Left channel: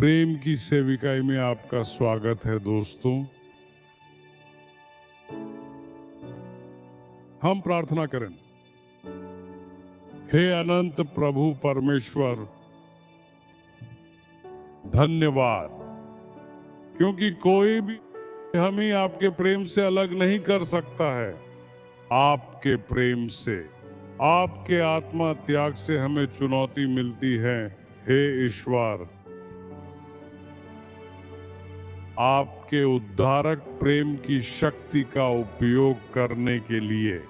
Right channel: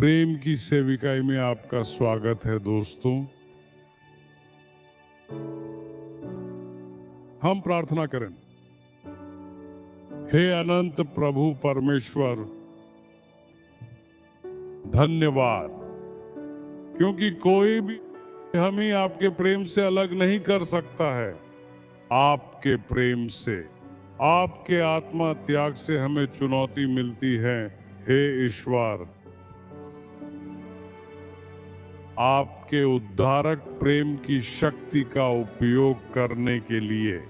प्रेम की सेविकाई में आपका स्वागत है दोस्तों। हम प्रार्थना करें। हे अनंत प्रभु परमेश्वर, धन्यवाद, क्योंकि कोई भी हमें आपके प्रेम से अलग नहीं कर सकता है। आपके प्रेम से, आपके आत्मा त्याग से हमें चुनौती मिलती है। हे ईश्वर, आपके उद्धारक प्रेम की शक्ति का उपयोग करने के लिए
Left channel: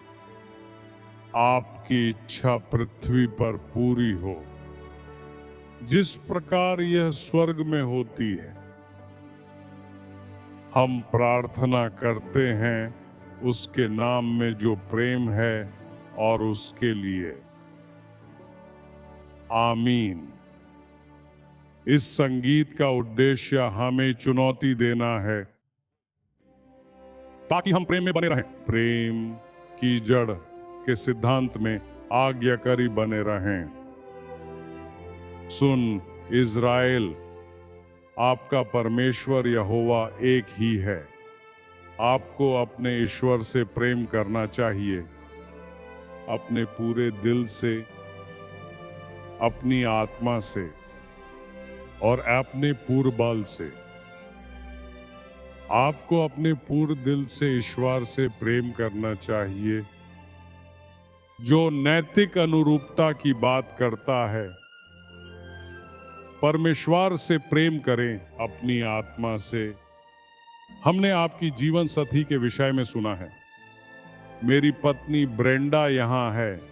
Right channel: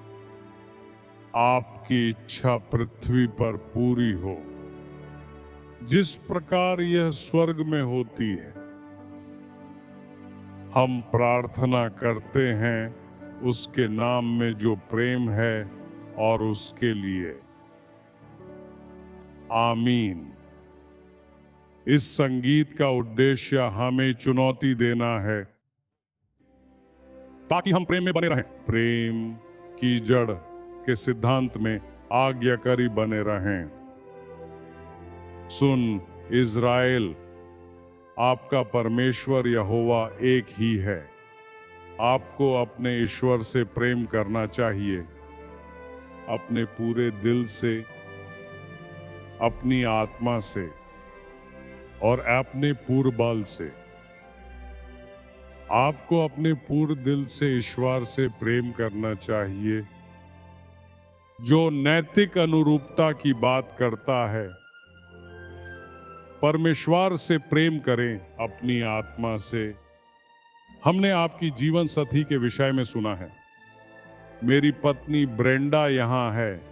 आपकी इच्छा पृथ्वी पर पूरी हो, जिस प्रकार यह स्वर्ग में होती है। हम प्रार्थना करते हैं उसके नाम में जो प्रेम है और उसके लिए आमीन। इस संगीत का उद्देश्य हमें चुनौती देना है ताकि हम प्रेम में बने रहें, प्रेम की जड़ के सिद्धांत में आज्ञाकारी बने रहें। सुन इज़राइल, आपका परमेश्वर यहोवा एक ही है। आपको अपने ईश्वर से प्रेम करना चाहिए, अपने पूरे दिल से, अपनी आत्मा से और अपने पूर्ण बल से। आपको अपने पूर्ण दिल से ईश्वर से प्रेम करना चाहिए, जो नैतिक अनुरूपता की बात करता है। परमेश्वर से प्रेम करें अपनी आत्मा से। हमने आपकी जीवन साथी के विषय में सुना है। मेरी पत्नी ब्रेंडा यहाँ है।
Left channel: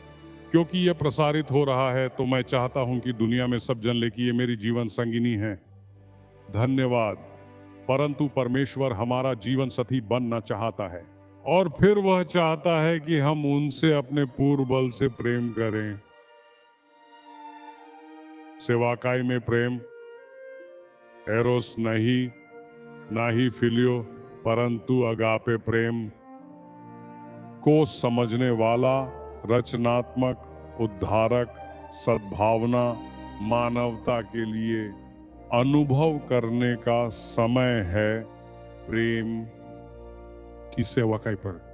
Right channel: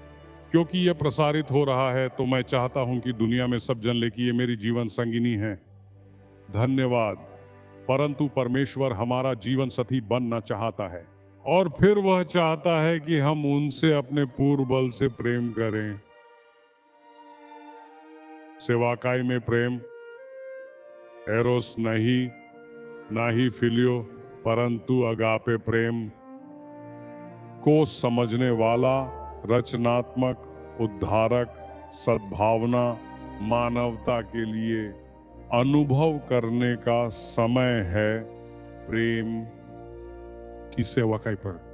क्योंकि यह प्रसारित हो रहा है तो मैं चाहता हूं कि दुनिया में सब जन ले कि ये मेरी जीवन संगिनी है। धन्यवाद। परंतु परमेश्वर हमारा जीवन साथी बनना चाहता है और फिर वह चाहता है कि हम उनसे अपने पूर्ण बल से प्रेम करें। सेवाकाई में प्रेम एरोस नहीं, ना ही फिलियो, परंतु अगापे प्रेम को समझने वाला, रचनात्मक, उद्धारक, सद्भावना, मानवता के लिए अनुभव करने का समय है। प्रेम की सेवाकाई पर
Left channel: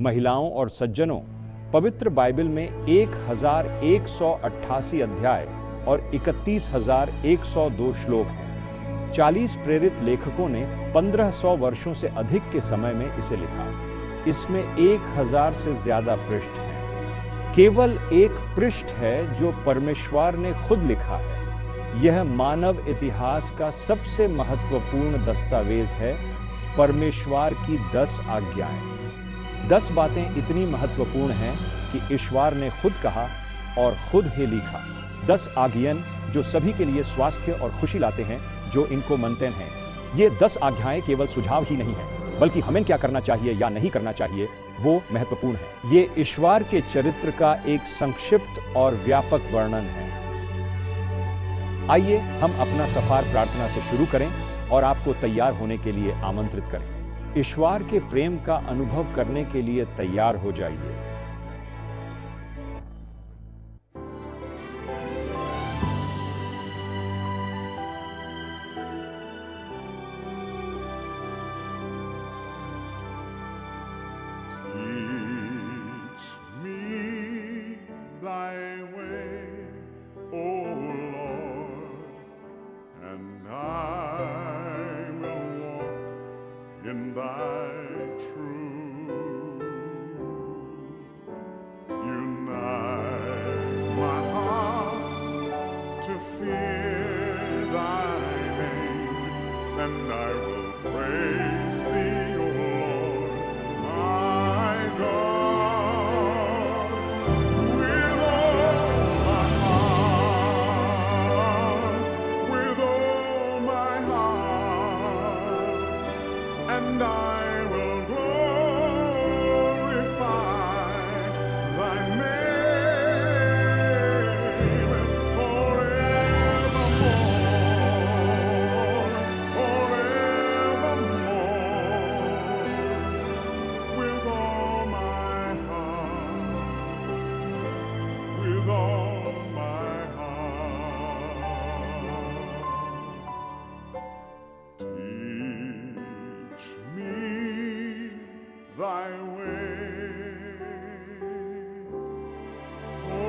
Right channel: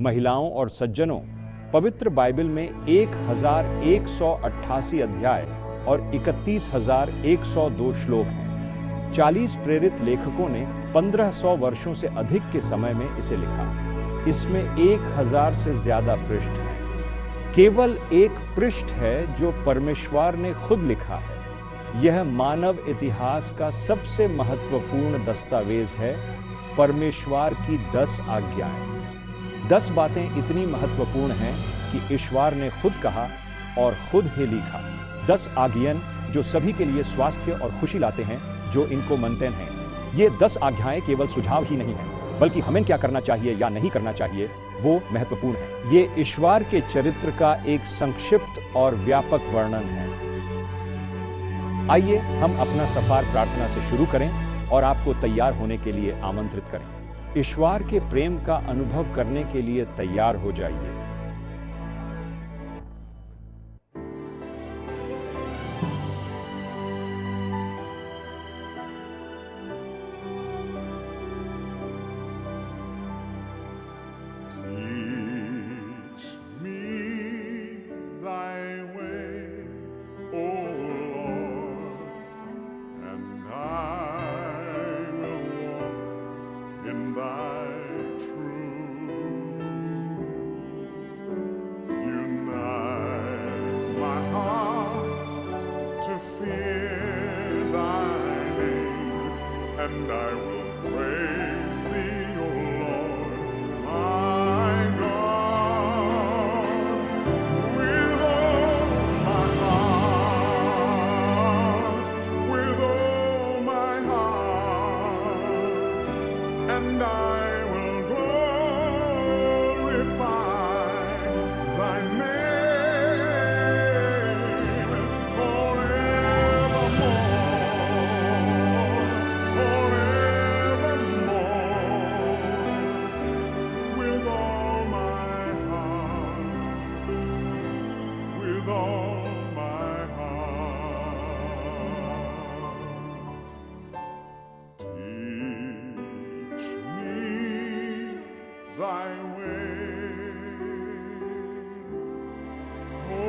महिलाओं और सज्जनों, पवित्र बाइबल में 1188 अध्याय और 31,102 श्लोक हैं। 40 प्रेरित लेखकों ने 1500 वर्षों से अधिक के समय में इसे लिखा। इसमें 1000 से ज्यादा पृष्ठ हैं। केवल एक पृष्ठ है जो परमेश्वर ने खुद लिखा है। यह मानव इतिहास का सबसे महत्वपूर्ण दस्तावेज है, परमेश्वर की 10 आज्ञाएं। 10 बातें इतनी महत्वपूर्ण हैं कि ईश्वर ने खुद कहा और खुद ही लिखा। 10 आज्ञाएं जो सभी के लिए स्वास्थ्य और खुशी लाते हैं जो इनको मानते हैं। ये 10 आज्ञाएं केवल सुझाव ही नहीं हैं, बल्कि हमें क्या करना चाहिए या नहीं करना चाहिए वो महत्वपूर्ण है। ये ईश्वर के चरित्र का एक संक्षिप्त और व्यापक वर्णन है। आइए हम अपना सफर प्रार्थना से शुरू करें और आपको तैयार होने के लिए आमंत्रित करें। ईश्वर के प्रेम का अनुभव करने के लिए तैयार हो जाइए। Teach me thy way, O Lord, and I will walk in thy truth. Unite my heart to fear thy name, and I will praise thee, O Lord, my God, with all my heart, with all my heart, and I will glorify thy name forevermore, forevermore, with all my heart, with all my heart. Teach me thy way, O Lord.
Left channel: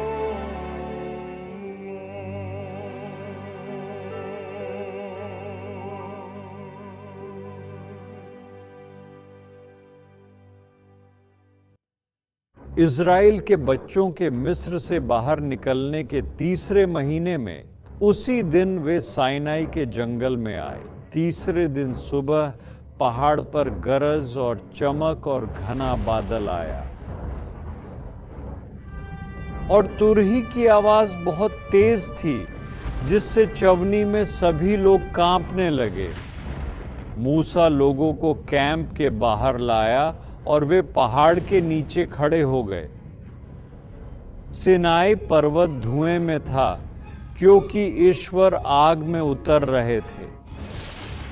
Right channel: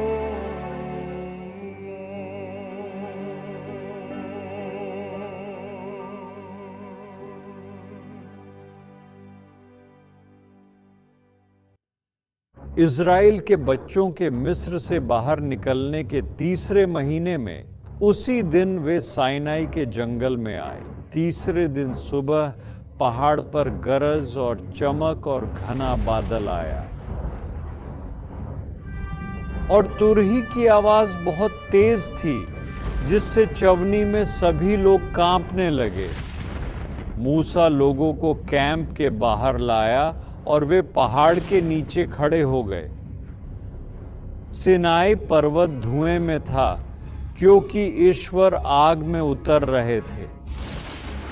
Israel के बच्चों के मिस्र से बाहर निकलने के तीसरे महीने में उसी दिन वे साइनाई के जंगल में आए। तीसरे दिन सुबह पहाड़ पर गरज और चमक और घना बादल आया और तुरही की आवाज बहुत तेज थी, जिससे चवनी में सभी लोग कांपने लगे। मूसा लोगों को कैंप के बाहर लाया और वे पहाड़ के नीचे खड़े हो गए। सिनाई पर्वत धुएं में था, क्योंकि ईश्वर आग में उतर रहे थे।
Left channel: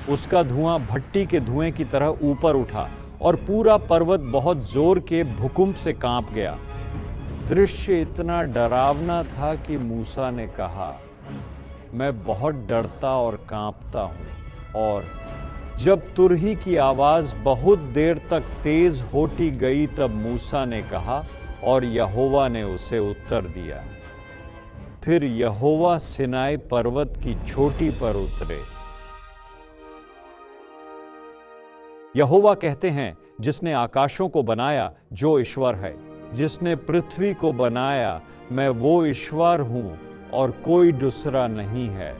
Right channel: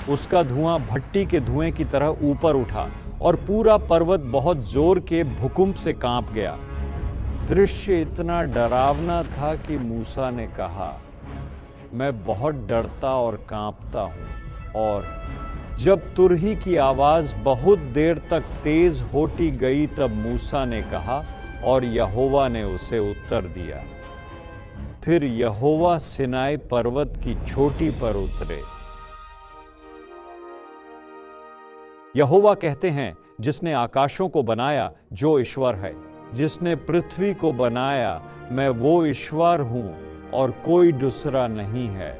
उसका धुआं भट्टी के धुएं की तरह ऊपर उठा और पूरा पर्वत बहुत जोर के भूकंप से कांप गया। दृश्य इतना डरावना था कि मूसा ने कहा, मैं बहुत डरता और कांपता हूं। और जब तुरही की आवाज बहुत देर तक तेज होती गई, तब मूसा ने कहा और यहोवा ने उसे उत्तर दिया। फिर यहोवा सिनाई पर्वत की चोटी पर उतरे। यहोवा कहते हैं, जिसने आकाशों को बनाया जो ईश्वर है, जिसने पृथ्वी को बनाया, मैं वो ईश्वर हूँ और कोई दूसरा नहीं है।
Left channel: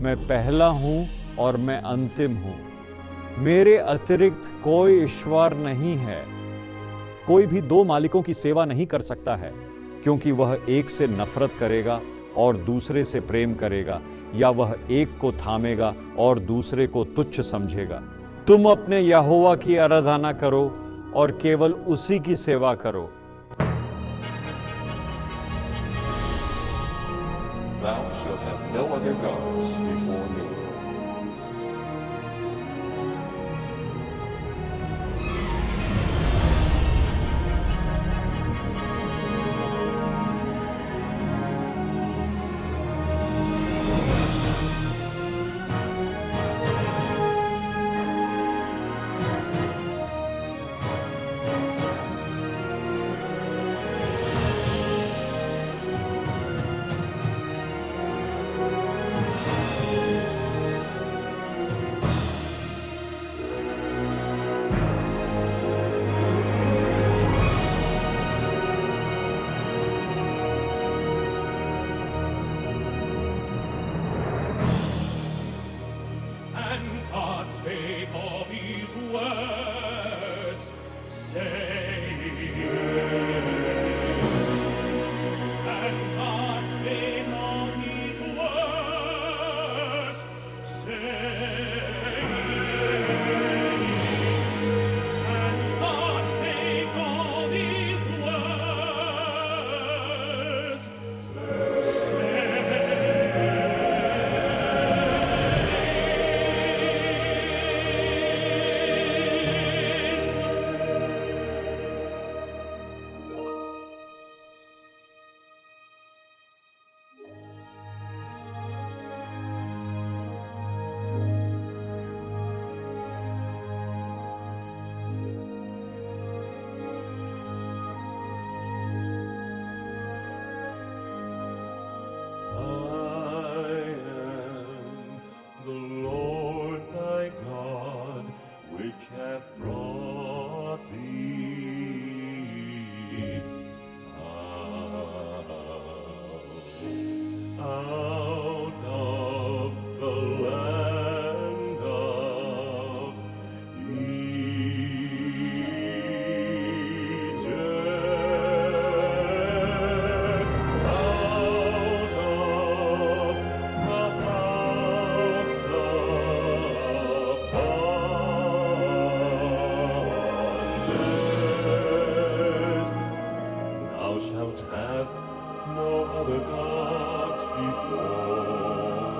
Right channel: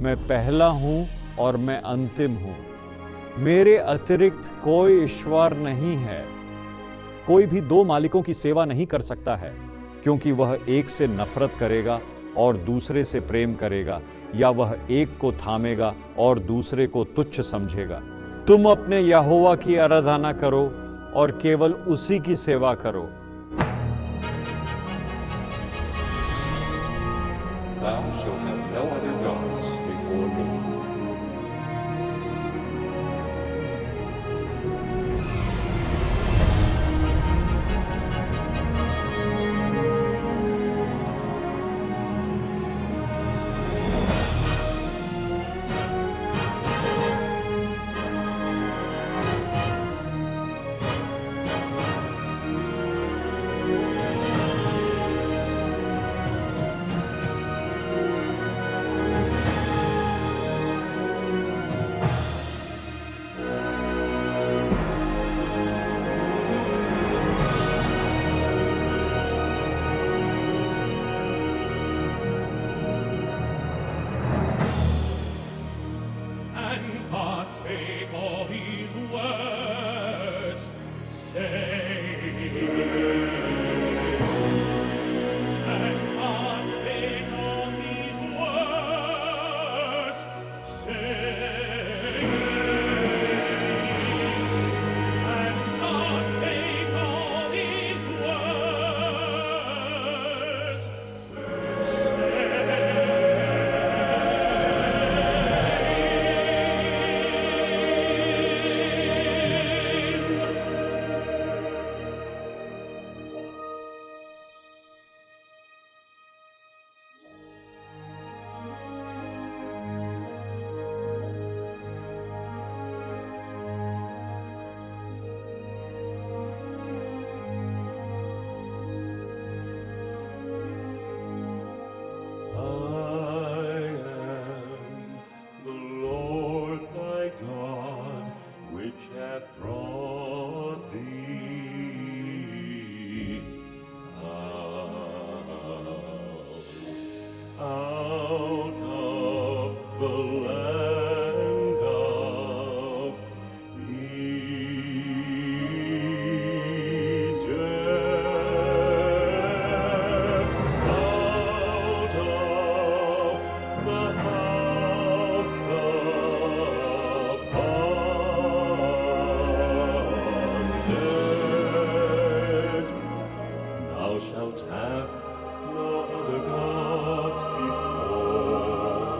मैं पहला हूँ और मैं अंतिम हूँ। मेरे अतिरिक्त कोई ईश्वर नहीं है। कोई भी दो मालिकों की सेवा नहीं कर सकता है, क्योंकि वह एक से नफरत करेगा और दूसरे से प्रेम करेगा, या वह एक को थामेगा और दूसरे को तुच्छ समझेगा। तुम अपने यहोवा की आराधना करो और केवल उसी की सेवा करो। Thou shalt have no other gods before me. God spake all these words, saying, and God spake all these words, saying, and God spake all these words, hath brought thee out of the land of Egypt, out of the house of bondage. Thou shalt have no other gods before me.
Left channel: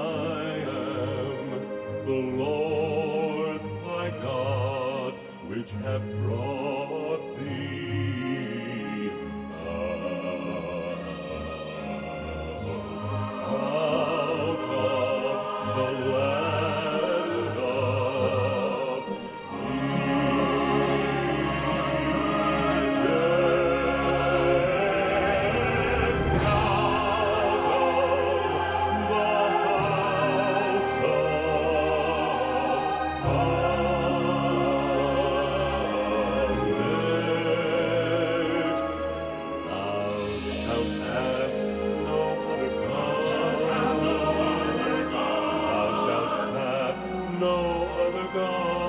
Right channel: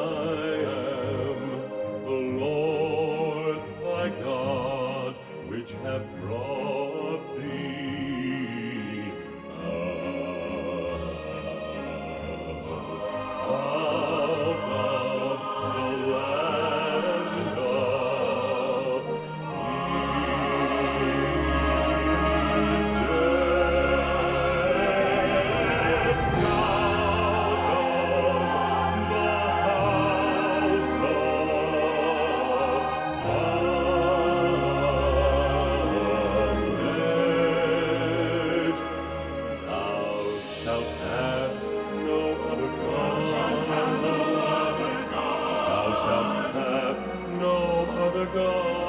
I am the Lord thy God, which hath brought thee out of the land of Egypt, out of the house of bondage. Thou shalt have no other gods. Thou shalt have no other gods. Thou shalt have no other gods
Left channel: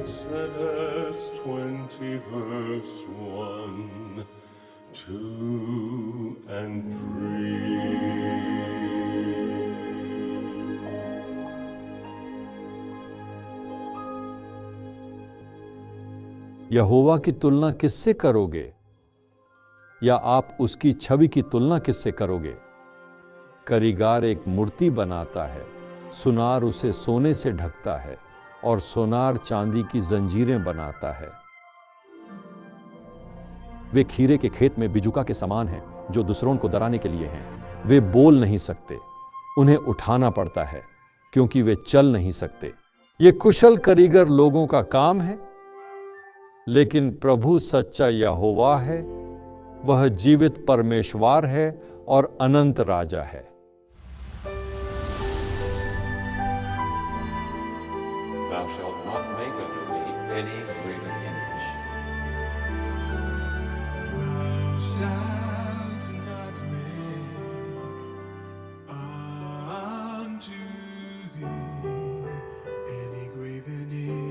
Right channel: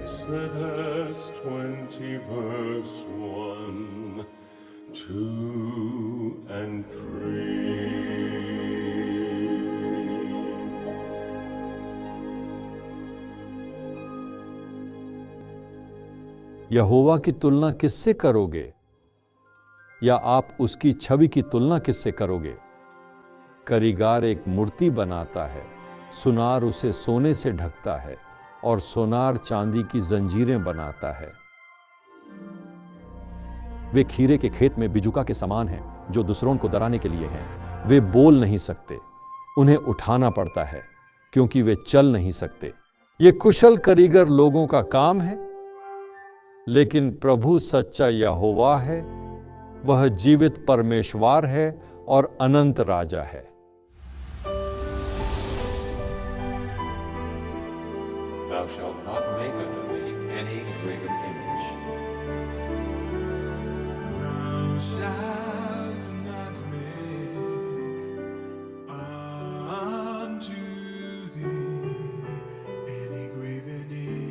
Exodus 20 verse 1, 2, and 3. यहोवा की तुलना किससे करोगे? या आप उसकी छवि की तुलना किससे करोगे? कारीगर एक मूर्ति बनाता है, सुनार उसे सोने से ढकता है और सोनार चांदी की जंजीरें बनाता है। वे खीरे के खेत में बिजुका के समान हैं जो दूसरों को डराने के लिए हैं। वे बोल नहीं सकते, उन्हें उठाना पड़ता है क्योंकि वे चल नहीं सकते। ये कुशल कारीगर लोगों का काम है, लेकिन प्रभु सच्चा यहोवा है, वह जीवित परमेश्वर है और अनंत राजा है। Thou shalt not make unto thee any graven image. Thou shalt not make unto thee any graven image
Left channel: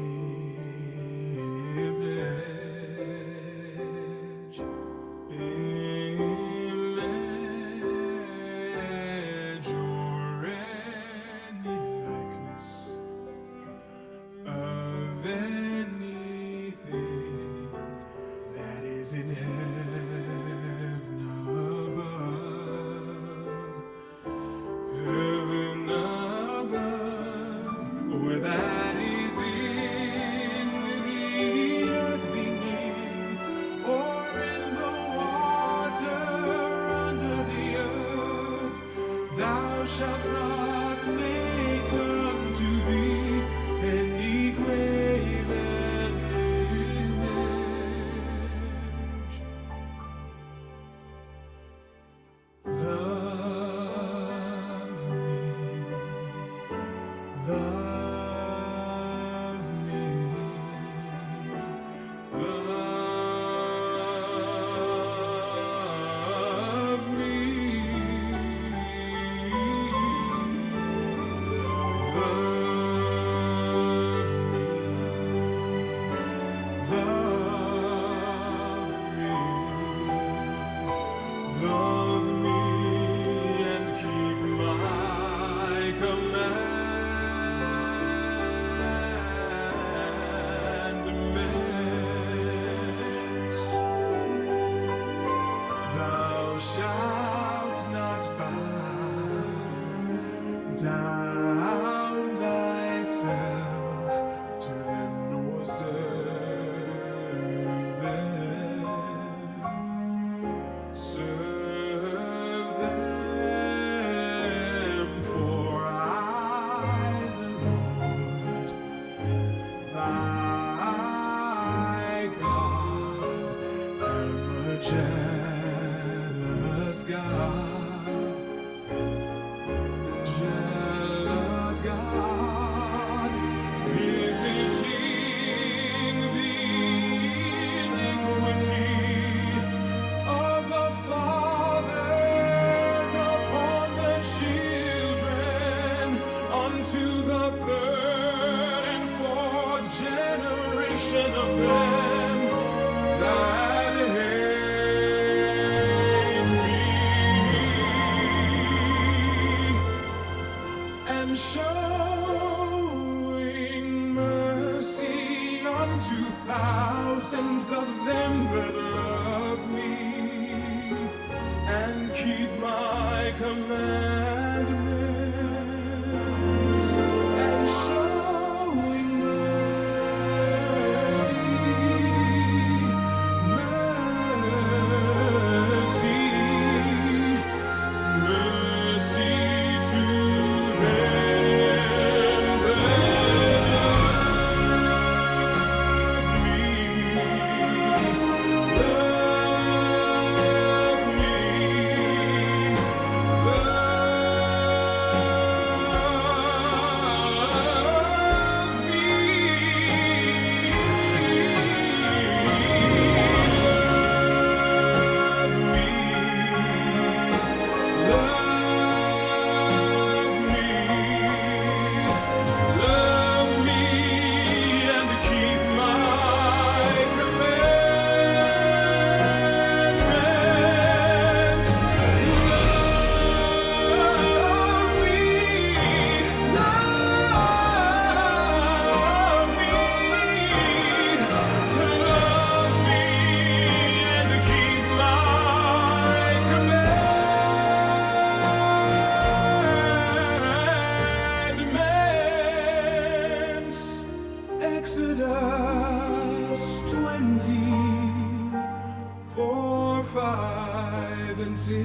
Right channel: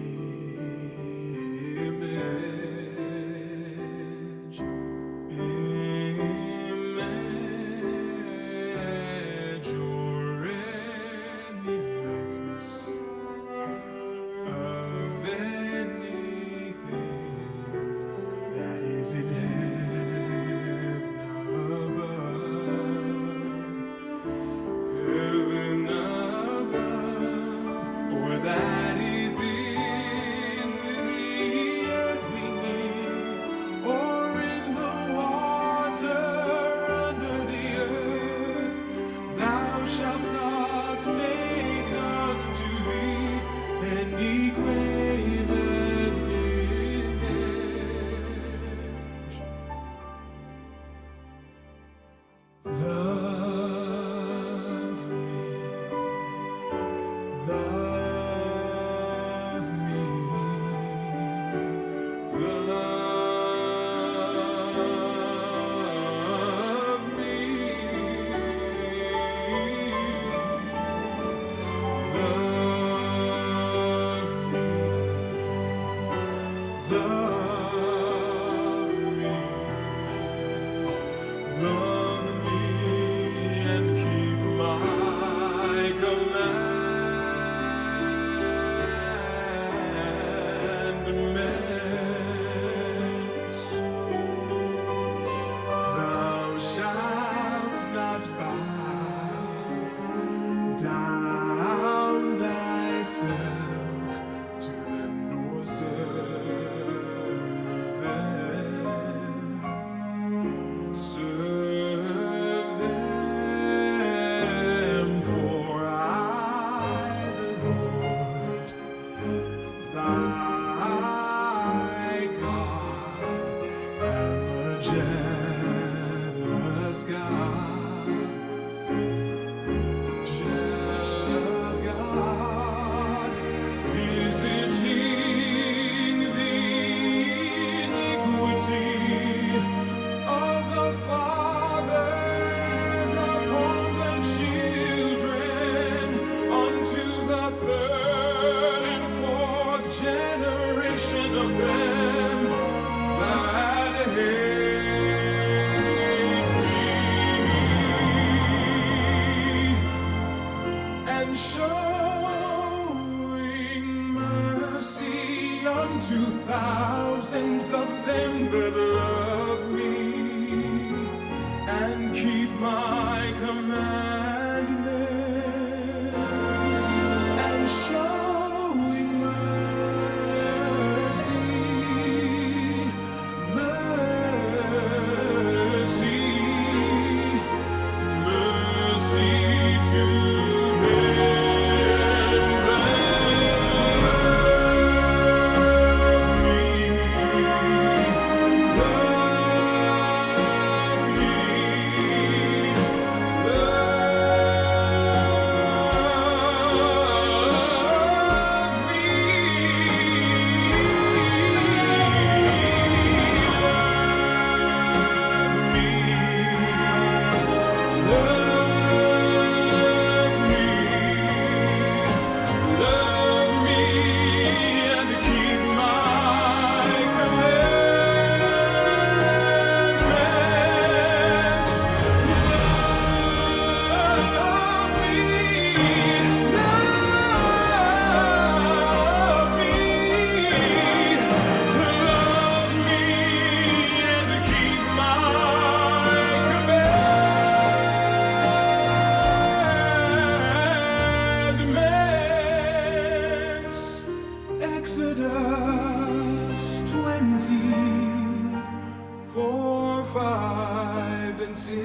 and sings,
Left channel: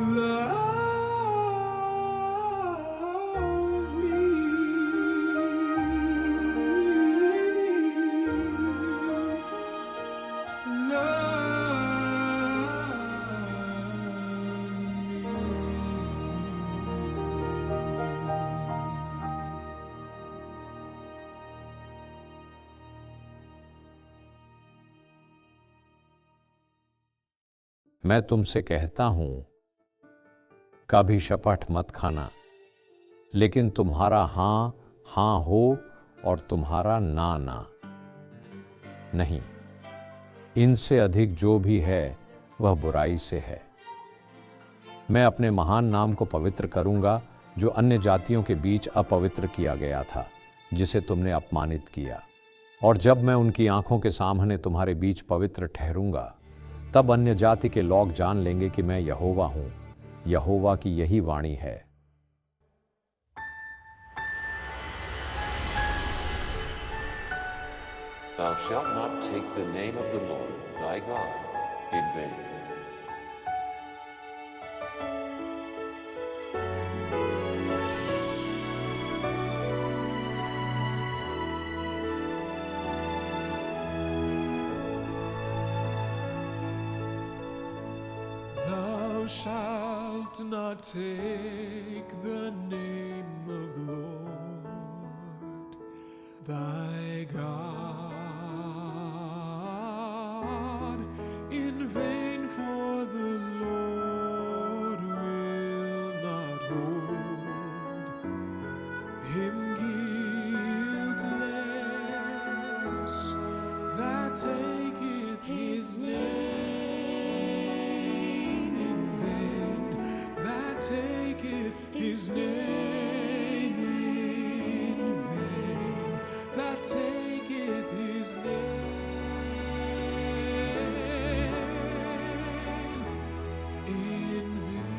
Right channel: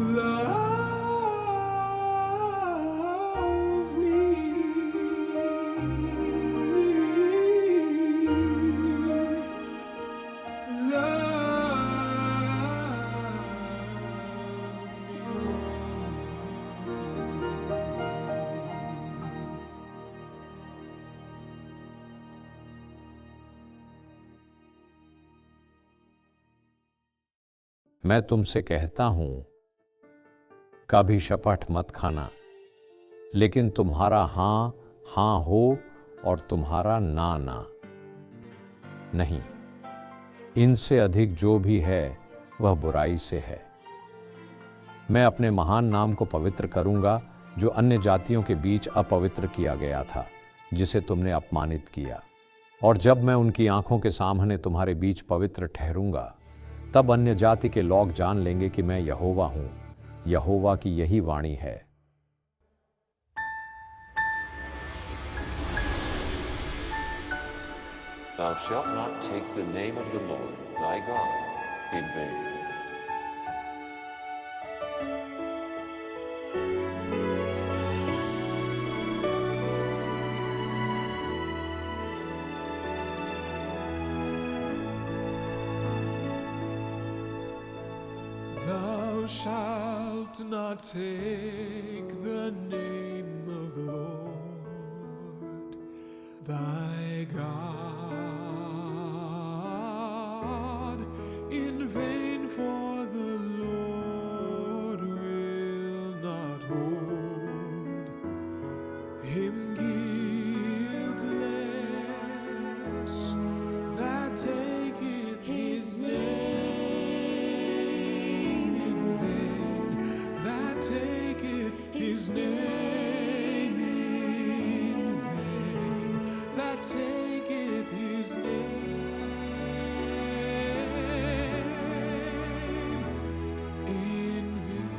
love me. मैं तुमसे कहता हूं, कभी शपथ मत खाना, लेकिन तुम्हारा हां हां हो और तुम्हारा ना ना नहीं। इनसे अधिक जो भी है वह बुराई से है। मैं अपने महान नाम को पवित्र करूंगा, जो अन्य जातियों के बीच अपवित्र किया गया था, जिसे तुमने अपमानित किया। और जब मैं उनकी आंखों के सामने तुम्हारे बीच पवित्र ठहरूंगा, तब अन्य जाति के लोग जान लेंगे कि मैं यहोवा हूं। यहोवा की यही वाणी है। Thou shalt not take the name of the Lord thy God in vain. Thou shalt not take the name of the Lord thy God in vain, for the Lord will not hold him guiltless that taketh his name in vain, that taketh his name in vain, that taketh his name in vain.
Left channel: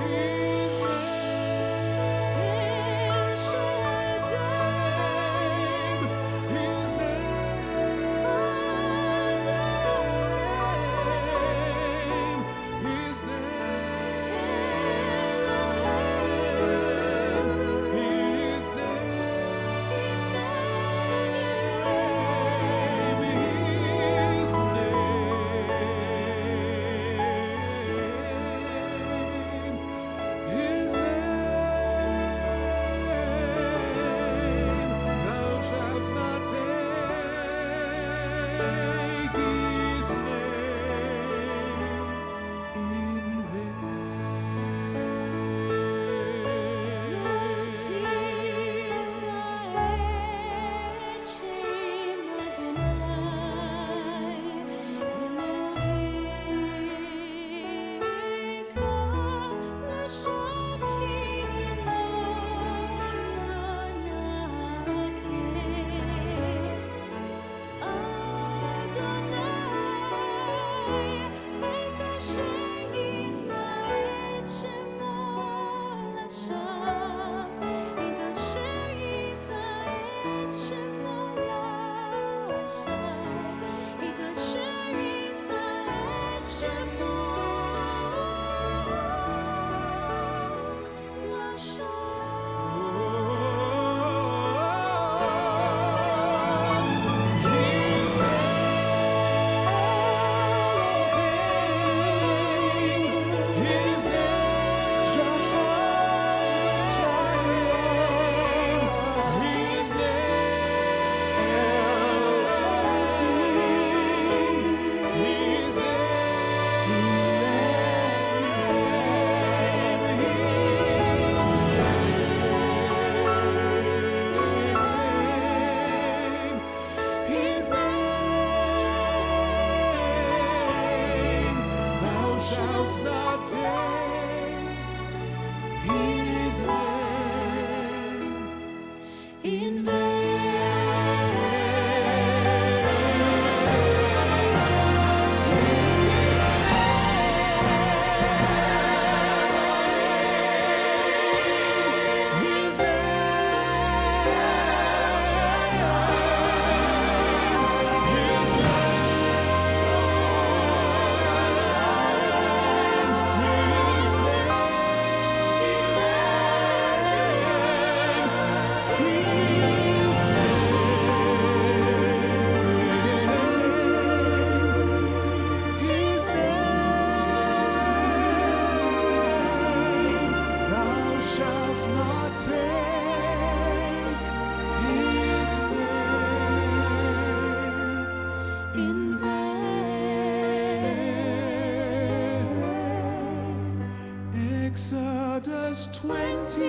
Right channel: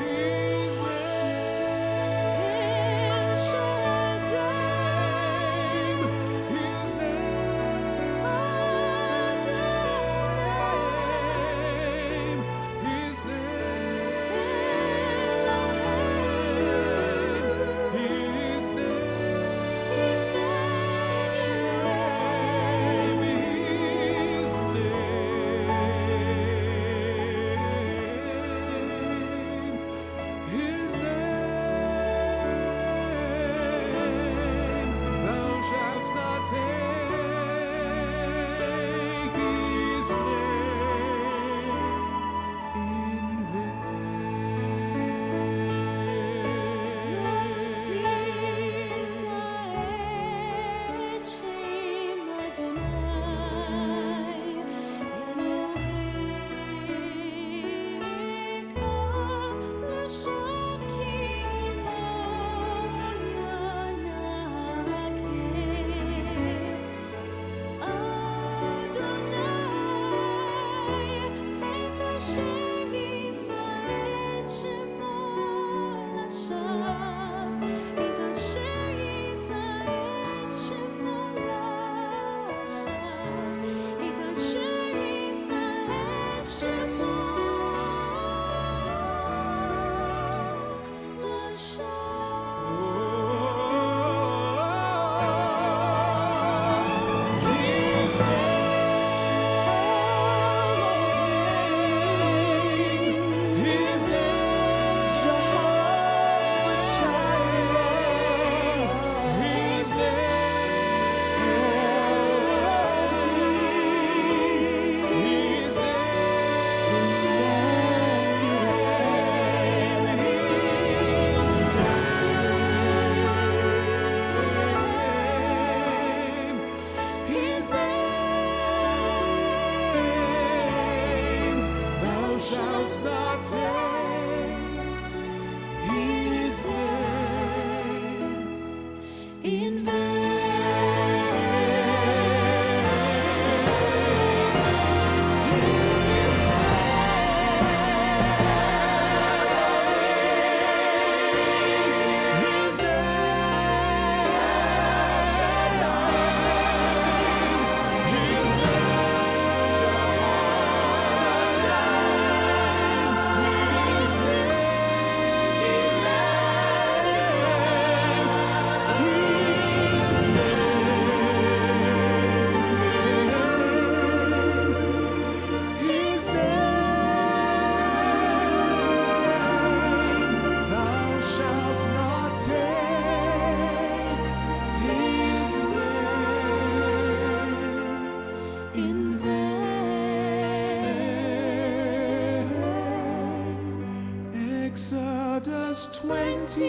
His name Shaddai, his name Adonai, his name Elohim, his name Emmanuel, his name, his name. Thou shalt not take his name in vain. His name, his name, his name, his name, his name. Thou shalt not take his name in vain. His name, Psalms 20,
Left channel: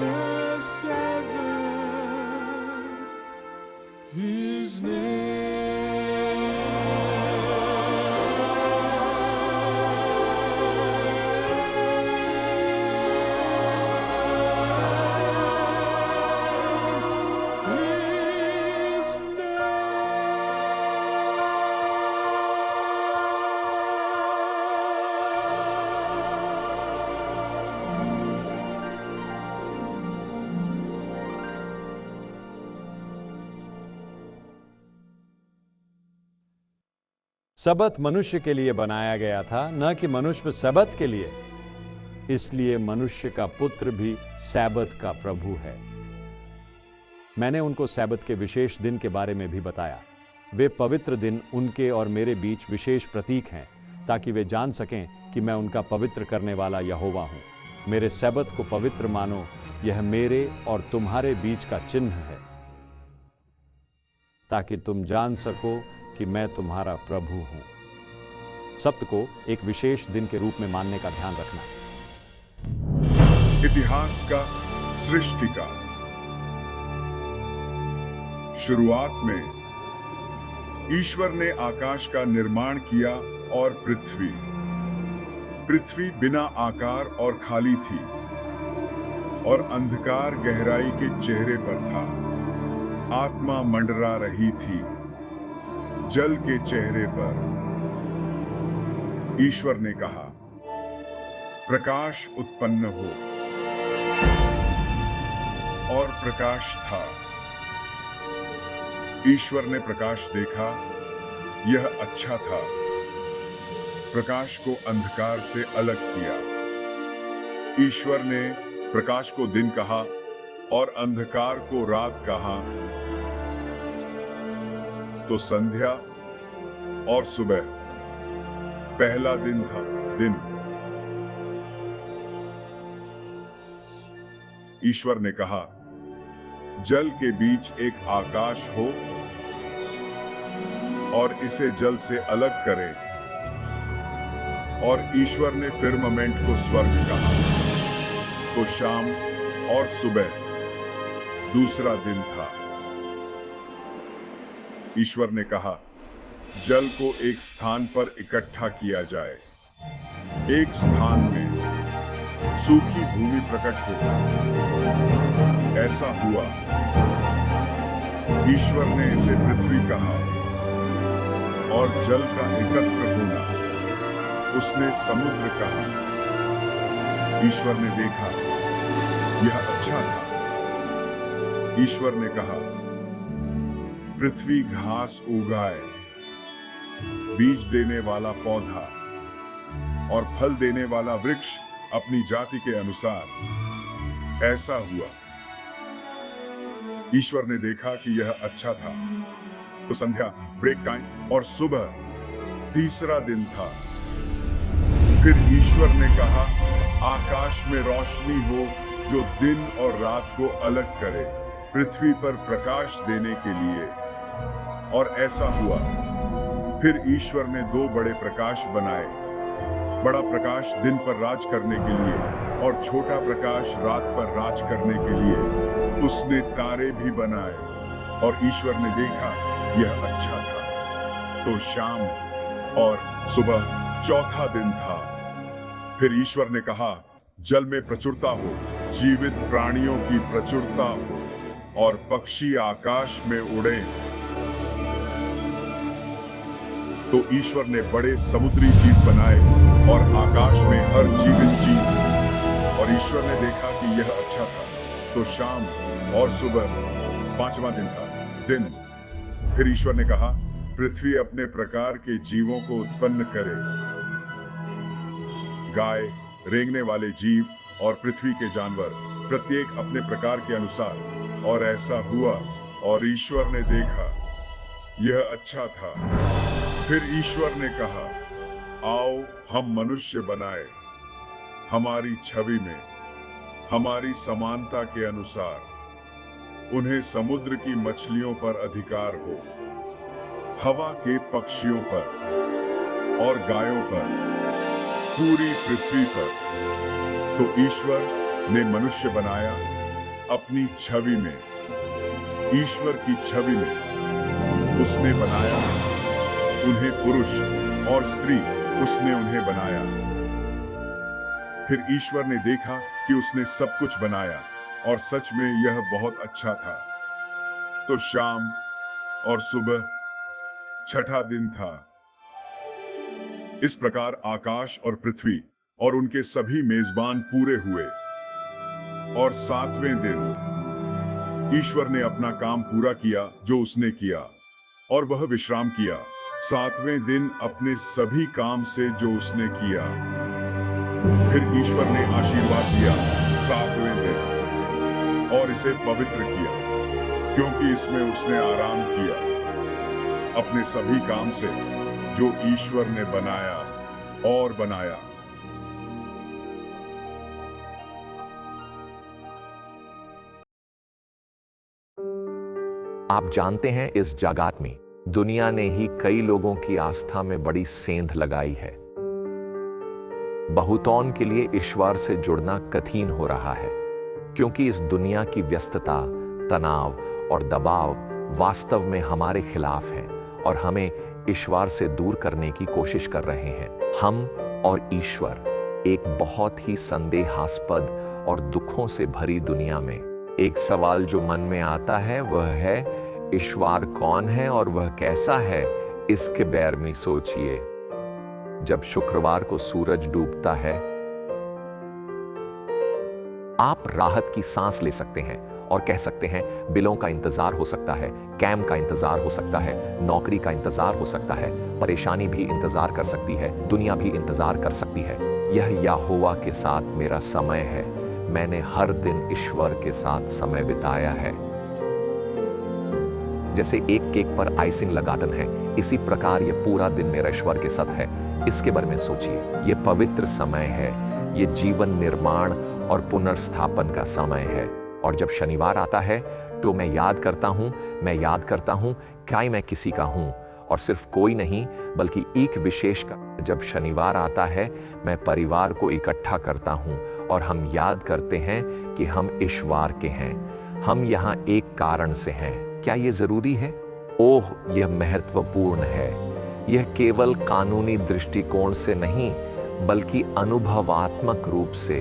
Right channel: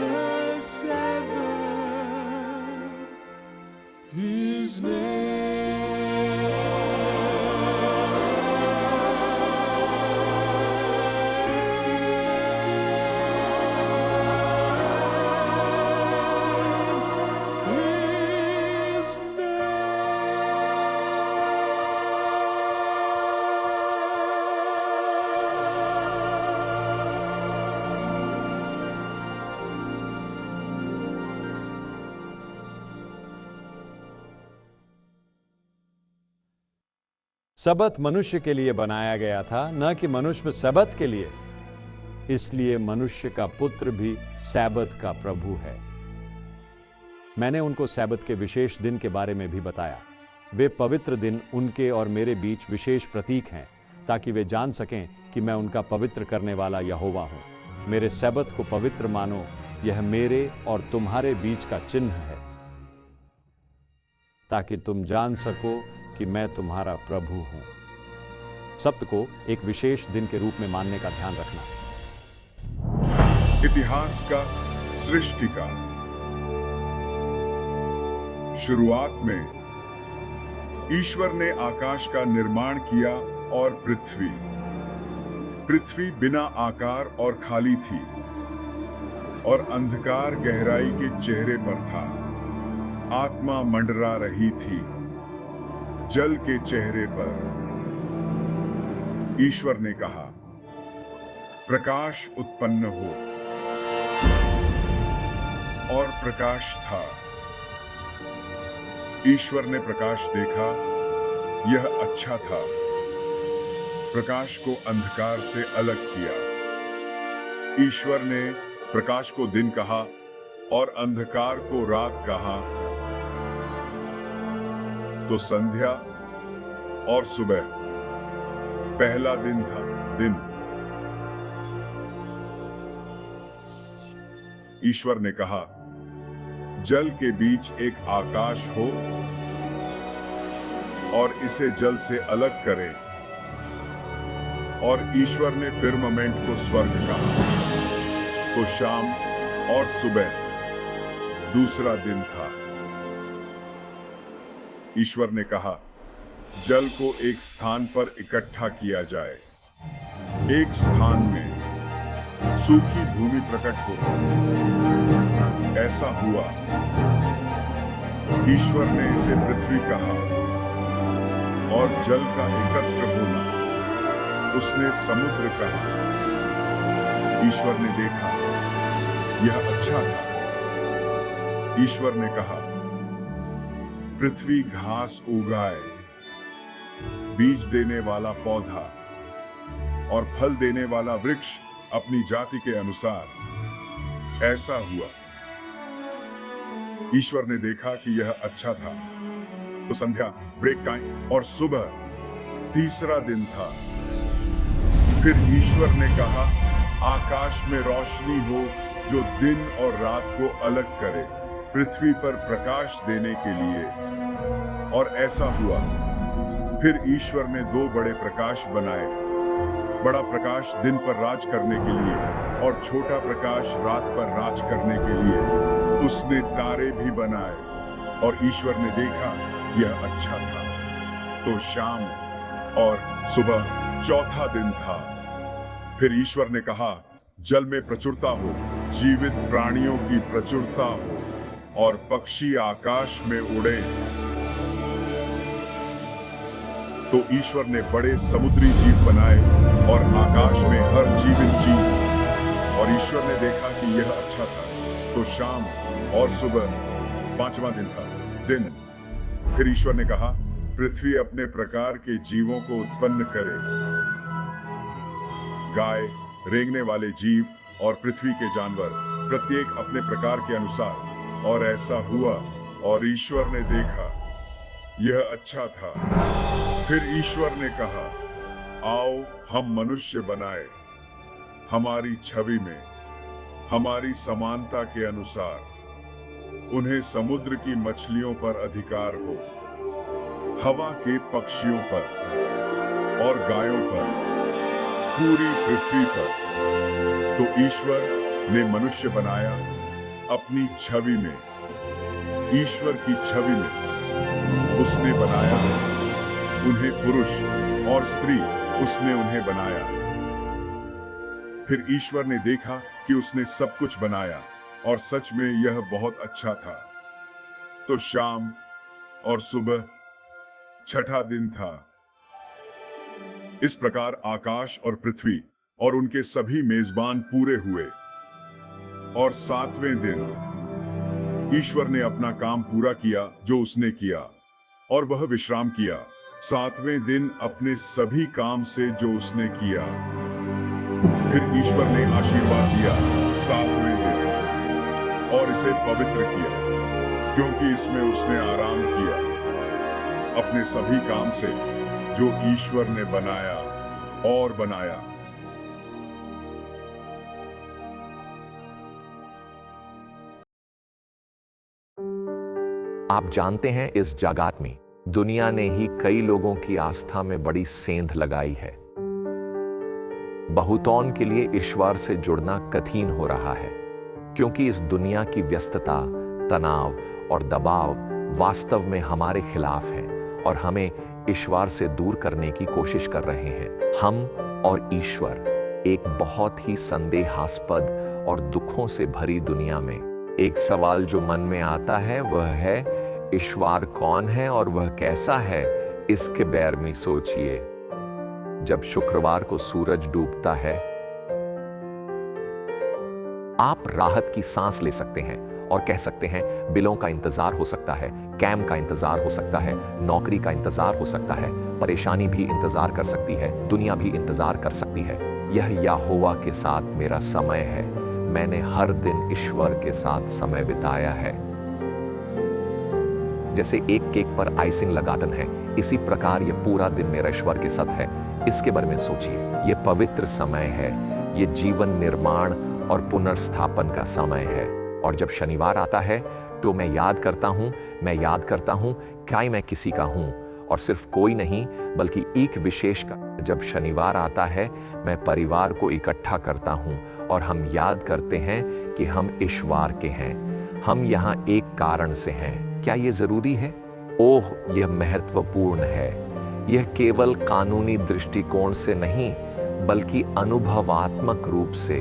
verse 7. His सबत मनुष्य के लिए बनाया गया था, न कि मनुष्य सबत के लिए। इसलिए मनुष्य का पुत्र भी सैबत का प्रभु है। मैंने उनको सैबत के विशेष दिन के बारे में भी बताया। वे पवित्र दिन उनके और मेरे बीच विशेष प्रतीक हैं, ताकि वे जान सकें कि मैं उनका पवित्र करने वाला यहोवा हूं। मेरे सैबत को पवित्र मानो, यह मेरे और तुम्हारे बीच का चिन्ह है, ताकि तुम जान सको कि मैं तुम्हारा प्रभु हूं। सब्त को एक विशेष दिन के रूप में मानने का ध्यान रखना। इतिहास का सृष्टि का शुरुआत में ईश्वर ने आकाश का निर्माण किया और पृथ्वी बिना आकार और खाली थी, और अंधकार गहराई के चेहरे पर था। आत्मा मंडरा रही थी जल के चेहरे पर। ईश्वर ने कहा, प्रकाश उत्पन्न हो, और प्रकाश था। ईश्वर ने प्रकाश देखा, यह अच्छा था। प्रकाश को अंधकार से अलग किया। ईश्वर ने प्रकाश को दिन कहा और अंधकार को रात कहा। तो संध्या और सुबह पहला दिन था। ईश्वर ने कहा, जल के बीच एक आकाश हो और इसे जल से अलग करें। और ईश्वर ने फिर्मामेंट को स्वर्ग कहा। तो शाम और सुबह दूसरा दिन था। ईश्वर ने कहा, जल को एक स्थान पर इकट्ठा किया जाए, एक स्थान में सूखी भूमि प्रकट हो। ऐसा हुआ। ईश्वर ने इसे पृथ्वी कहा, और जल का एकत्र होना उसने समुद्र कहा। ईश्वर ने देखा, यह अच्छा था। ईश्वर ने कहा, पृथ्वी घास उगाए, बीज देने वाला पौधा और फल देने वाला वृक्ष अपनी जाति के अनुसार। ऐसा हुआ। ईश्वर ने देखा कि यह अच्छा था। तो संध्या, ब्रेक टाइम, और सुबह तीसरा दिन था। फिर ईश्वर ने कहा, आकाश में रोशनी हो जो दिन और रात को अलग करे, पृथ्वी पर प्रकाश देने के लिए। और ऐसा हुआ। फिर ईश्वर ने दो बड़े प्रकाश बनाए, बड़ा प्रकाश दिन पर राज करने के लिए और छोटा प्रकाश रात पर राज करने के लिए। उसने तारे भी बनाए, और ईश्वर ने देखा यह अच्छा था। तो शाम और सुबह चौथा दिन था। फिर ईश्वर ने कहा, जल में प्रचुरता हो, जीवित प्राणियों की प्रचुरता हो, और पक्षी आकाश में उड़े। तो ईश्वर ने बड़े समुद्री जीव बनाए और आकाश में हर जीवित चीज। और ईश्वर ने देखा कि यह अच्छा था। तो शाम और सुबह पांचवा दिन था। फिर ईश्वर ने कहा, पृथ्वी अपने प्रकार के जीवों को उत्पन्न करे, गाय, रेंगने वाले जीव और पृथ्वी के जानवर, प्रत्येक अपने प्रकार के अनुसार। और ऐसा हुआ। और ईश्वर ने देखा, यह अच्छा था। फिर ईश्वर ने कहा, आओ हम मनुष्य बनाए, हमारी छवि में, हमारी समानता के अनुसार। उन्हें समुद्र की मछलियों पर अधिकार हो, हवा के पक्षियों पर और गायों पर, पूरी पृथ्वी पर तो ईश्वर ने मनुष्य बनाया अपनी छवि में, ईश्वर की छवि में उसने बनाया उन्हें, पुरुष और स्त्री उसने उन्हें बनाया। फिर ईश्वर ने देखा कि उसने सब कुछ बनाया और सच में यह बहुत अच्छा था। तो शाम और सुबह छठा दिन था। इस प्रकार आकाश और पृथ्वी और उनके सभी मेजबान पूरे हुए। और सातवें दिन ईश्वर ने अपना काम पूरा किया जो उसने किया, और वह विश्राम किया सातवें दिन अपने सभी काम से जो उसने किया। फिर ईश्वर ने आशीर्वाद दिया सातवें दिन और इसे पवित्र किया, क्योंकि इसमें उसने आराम किया अपने सभी काम से जो ईश्वर ने बनाया और बनाया। आप जानते हैं, इस जगत में दुनिया ने ही कई लोगों की आस्था में बड़ी सेंध लगाई है। बहुतों के लिए ईश्वर से जुड़ना कठिन हो रहा है, क्योंकि इस दुनिया की व्यस्तता, तनाव और दबाव वास्तव में हमारे खिलाफ है और हमें ईश्वर से दूर करने की कोशिश कर रहे हैं। हम और ईश्वर एक बहुत ही संदेहास्पद और दुखों से भरी दुनिया में। एक सवाल जो मन में आता है वह है, ईश्वर कौन है और वह कैसा है? इसके बारे में सोचिए। जब शुक्रवार को सूरज डूबता है, आप राहत की सांस ले सकते हैं और कह सकते हैं, बिलों का इंतजार हो सकता है, कैम का इंतजार हो सकता है, नौकरी का इंतजार हो सकता है, परेशानी भी इंतजार कर सकती है, दुनिया भी इंतजार कर सकती है। यह यहोवा के साथ मेरा समय है। मैंने हर दिन ईश्वर के साथ समय बिताया है। जैसे एक केक पर आइसिंग लगाते हैं, इसी प्रकार यह पूरा दिन मेरा ईश्वर के साथ है। इसके बारे में सोचिए। यह पवित्र समय है, यह जीवन निर्माण और पुनर्स्थापन का समय है। और जब शनिवार आता है तो मैं याद करता हूं क्या मैं किसी का हूं, और सिर्फ कोई नहीं बल्कि एक विशेष का। जब शनिवार आता है, मैं परिवार को इकट्ठा करता हूं और हम याद करते हैं कि हम ईश्वर के हैं। हम यहाँ एक कारण से हैं। क्या ये जरूरी है? ओह, यह महत्वपूर्ण है। यह केवल कानूनी दृष्टिकोण से नहीं, बल्कि अनुभवात्मक रूप से,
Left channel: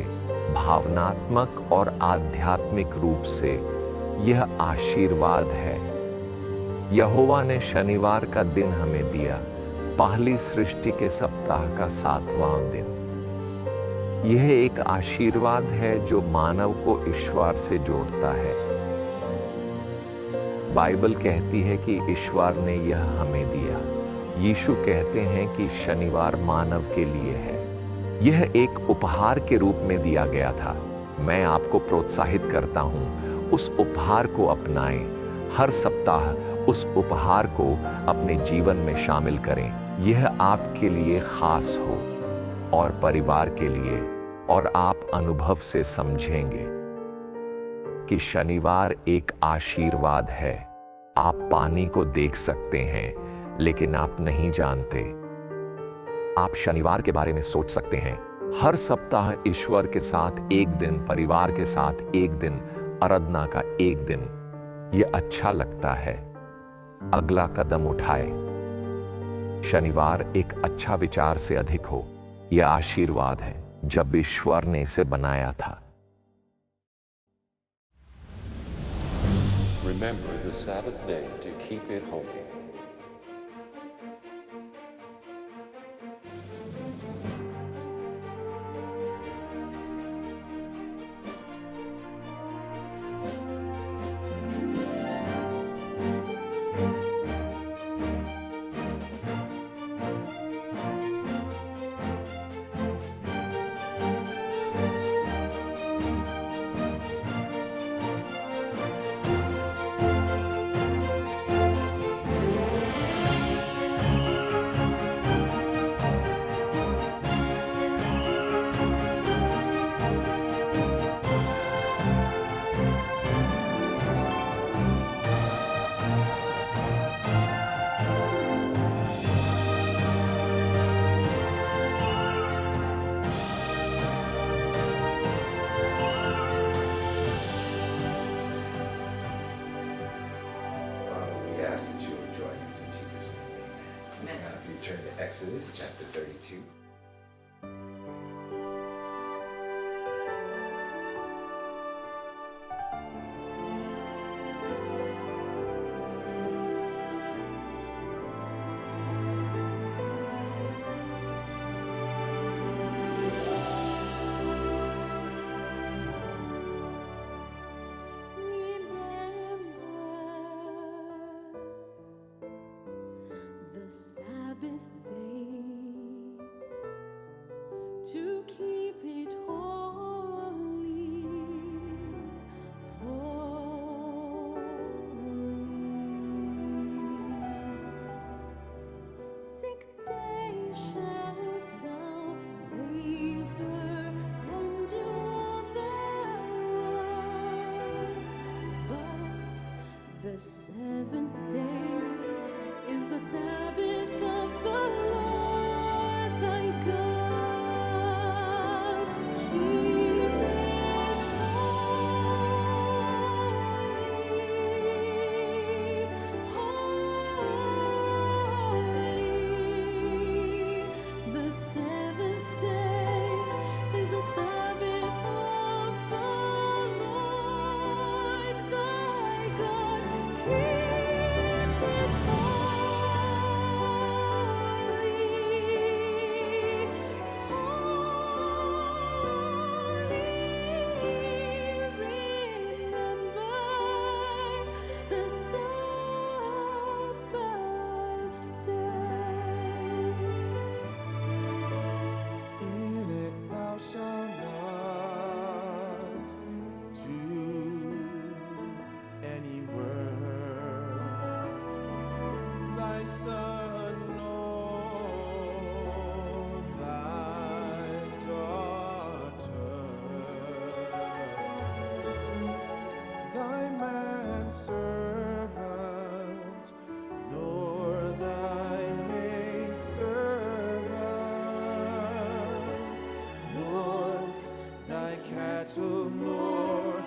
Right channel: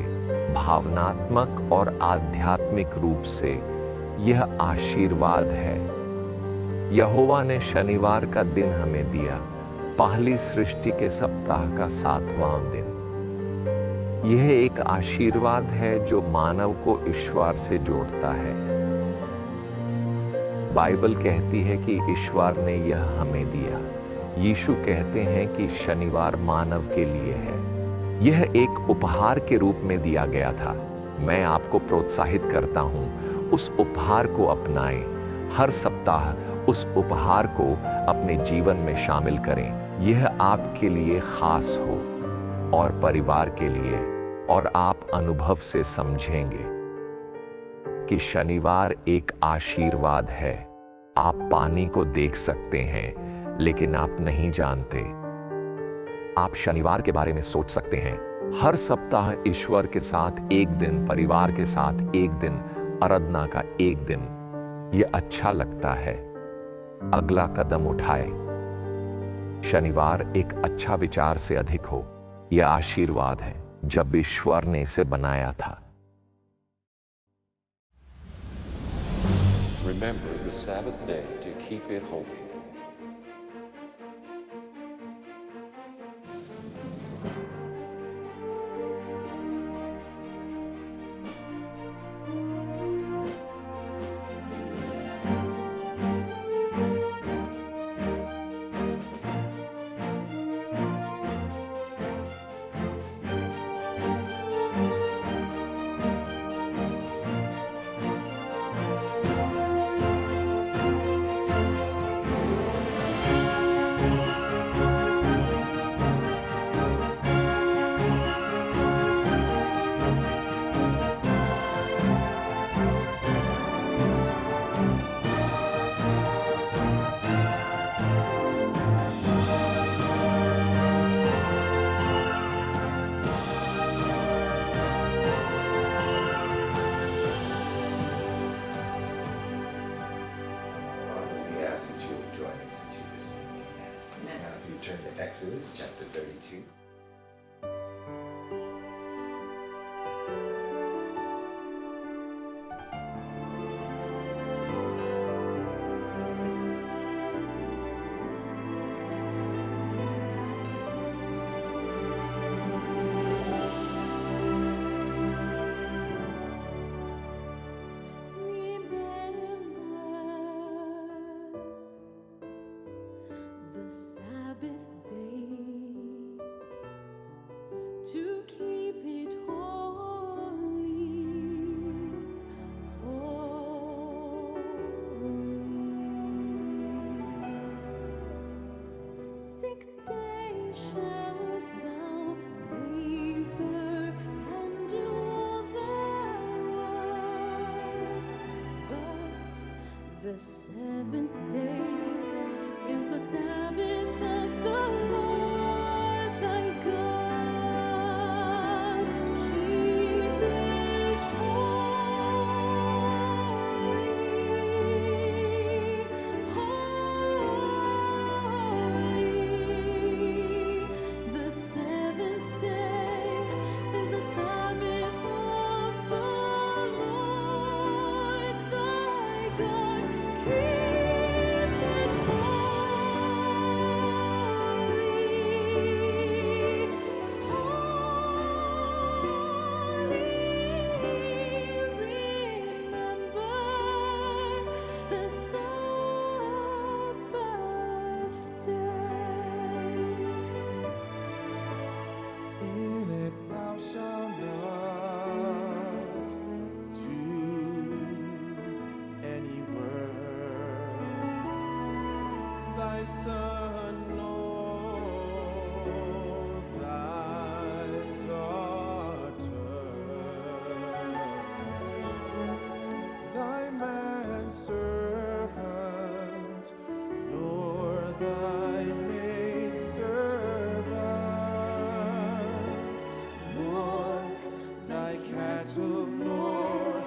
भावनात्मक और आध्यात्मिक रूप से यह आशीर्वाद है। यहोवा ने शनिवार का दिन हमें दिया, पहली सृष्टि के सप्ताह का 7वां दिन। यह एक आशीर्वाद है जो मानव को ईश्वर से जोड़ता है। बाइबल कहती है कि ईश्वर ने यह हमें दिया। यीशु कहते हैं कि शनिवार मानव के लिए है। यह एक उपहार के रूप में दिया गया था। मैं आपको प्रोत्साहित करता हूं, उस उपहार को अपनाएं। हर सप्ताह उस उपहार को अपने जीवन में शामिल करें। यह आपके लिए खास हो और परिवार के लिए, और आप अनुभव से समझेंगे कि शनिवार एक आशीर्वाद है। आप पानी को देख सकते हैं, लेकिन आप नहीं जानते। आप शनिवार के बारे में सोच सकते हैं। हर सप्ताह ईश्वर के साथ एक दिन, परिवार के साथ एक दिन, आराधना का एक दिन। यह अच्छा लगता है। अगला कदम उठाए। शनिवार एक अच्छा विचार से अधिक हो। यह आशीर्वाद है जब ईश्वर ने इसे बनाया था। Remember the Sabbath day to keep it holy. Now, if you turn to Exodus chapter 32. The Sabbath day, to keep it holy, holy. 6 days shalt thou labor and do all thy work, but the 7th day is the Sabbath of the Lord thy God. Keep it holy, holy. The 7th day is the Sabbath of the Lord thy God. Keep it holy, holy. Remember the Sabbath day. In it thou shalt not do any work, thy son nor thy daughter, thy manservant, nor thy maidservant, nor thy cattle, nor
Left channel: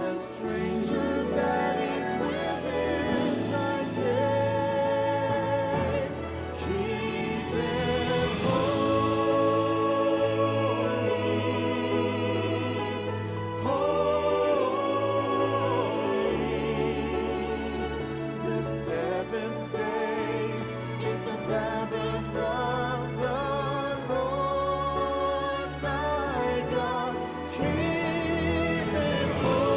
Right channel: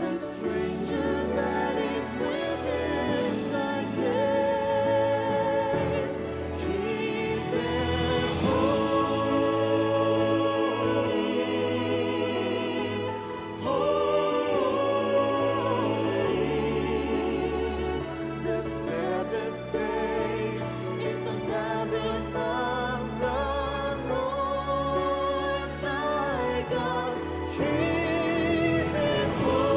the stranger that is within thy gates. Keep it holy, holy. The 7th day is the Sabbath of the Lord thy God. Keep it holy,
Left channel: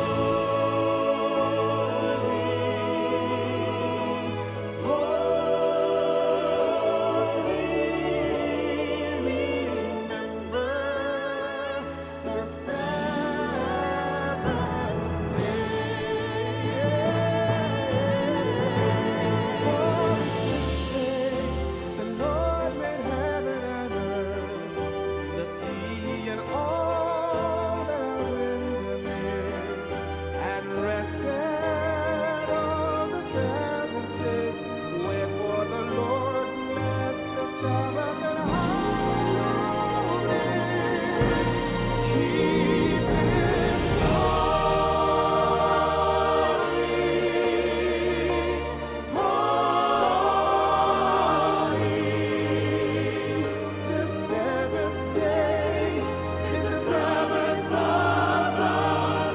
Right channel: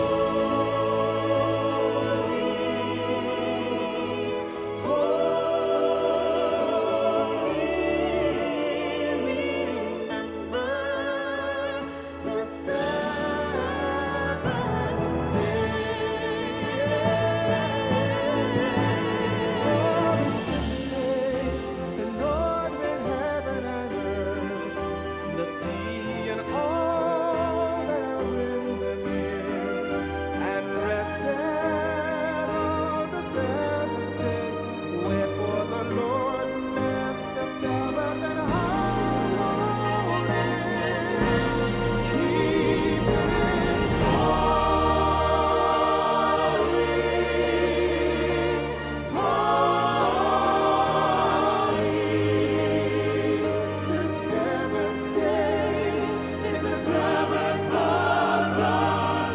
holy. Remember the Sabbath day. For in 6 days the Lord made heaven and earth, the sea and all that are in them is, and rested on the 7th day. Wherefore the Lord blessed the Sabbath and hallowed it. Keep it holy, holy. The 7th day is the Sabbath of the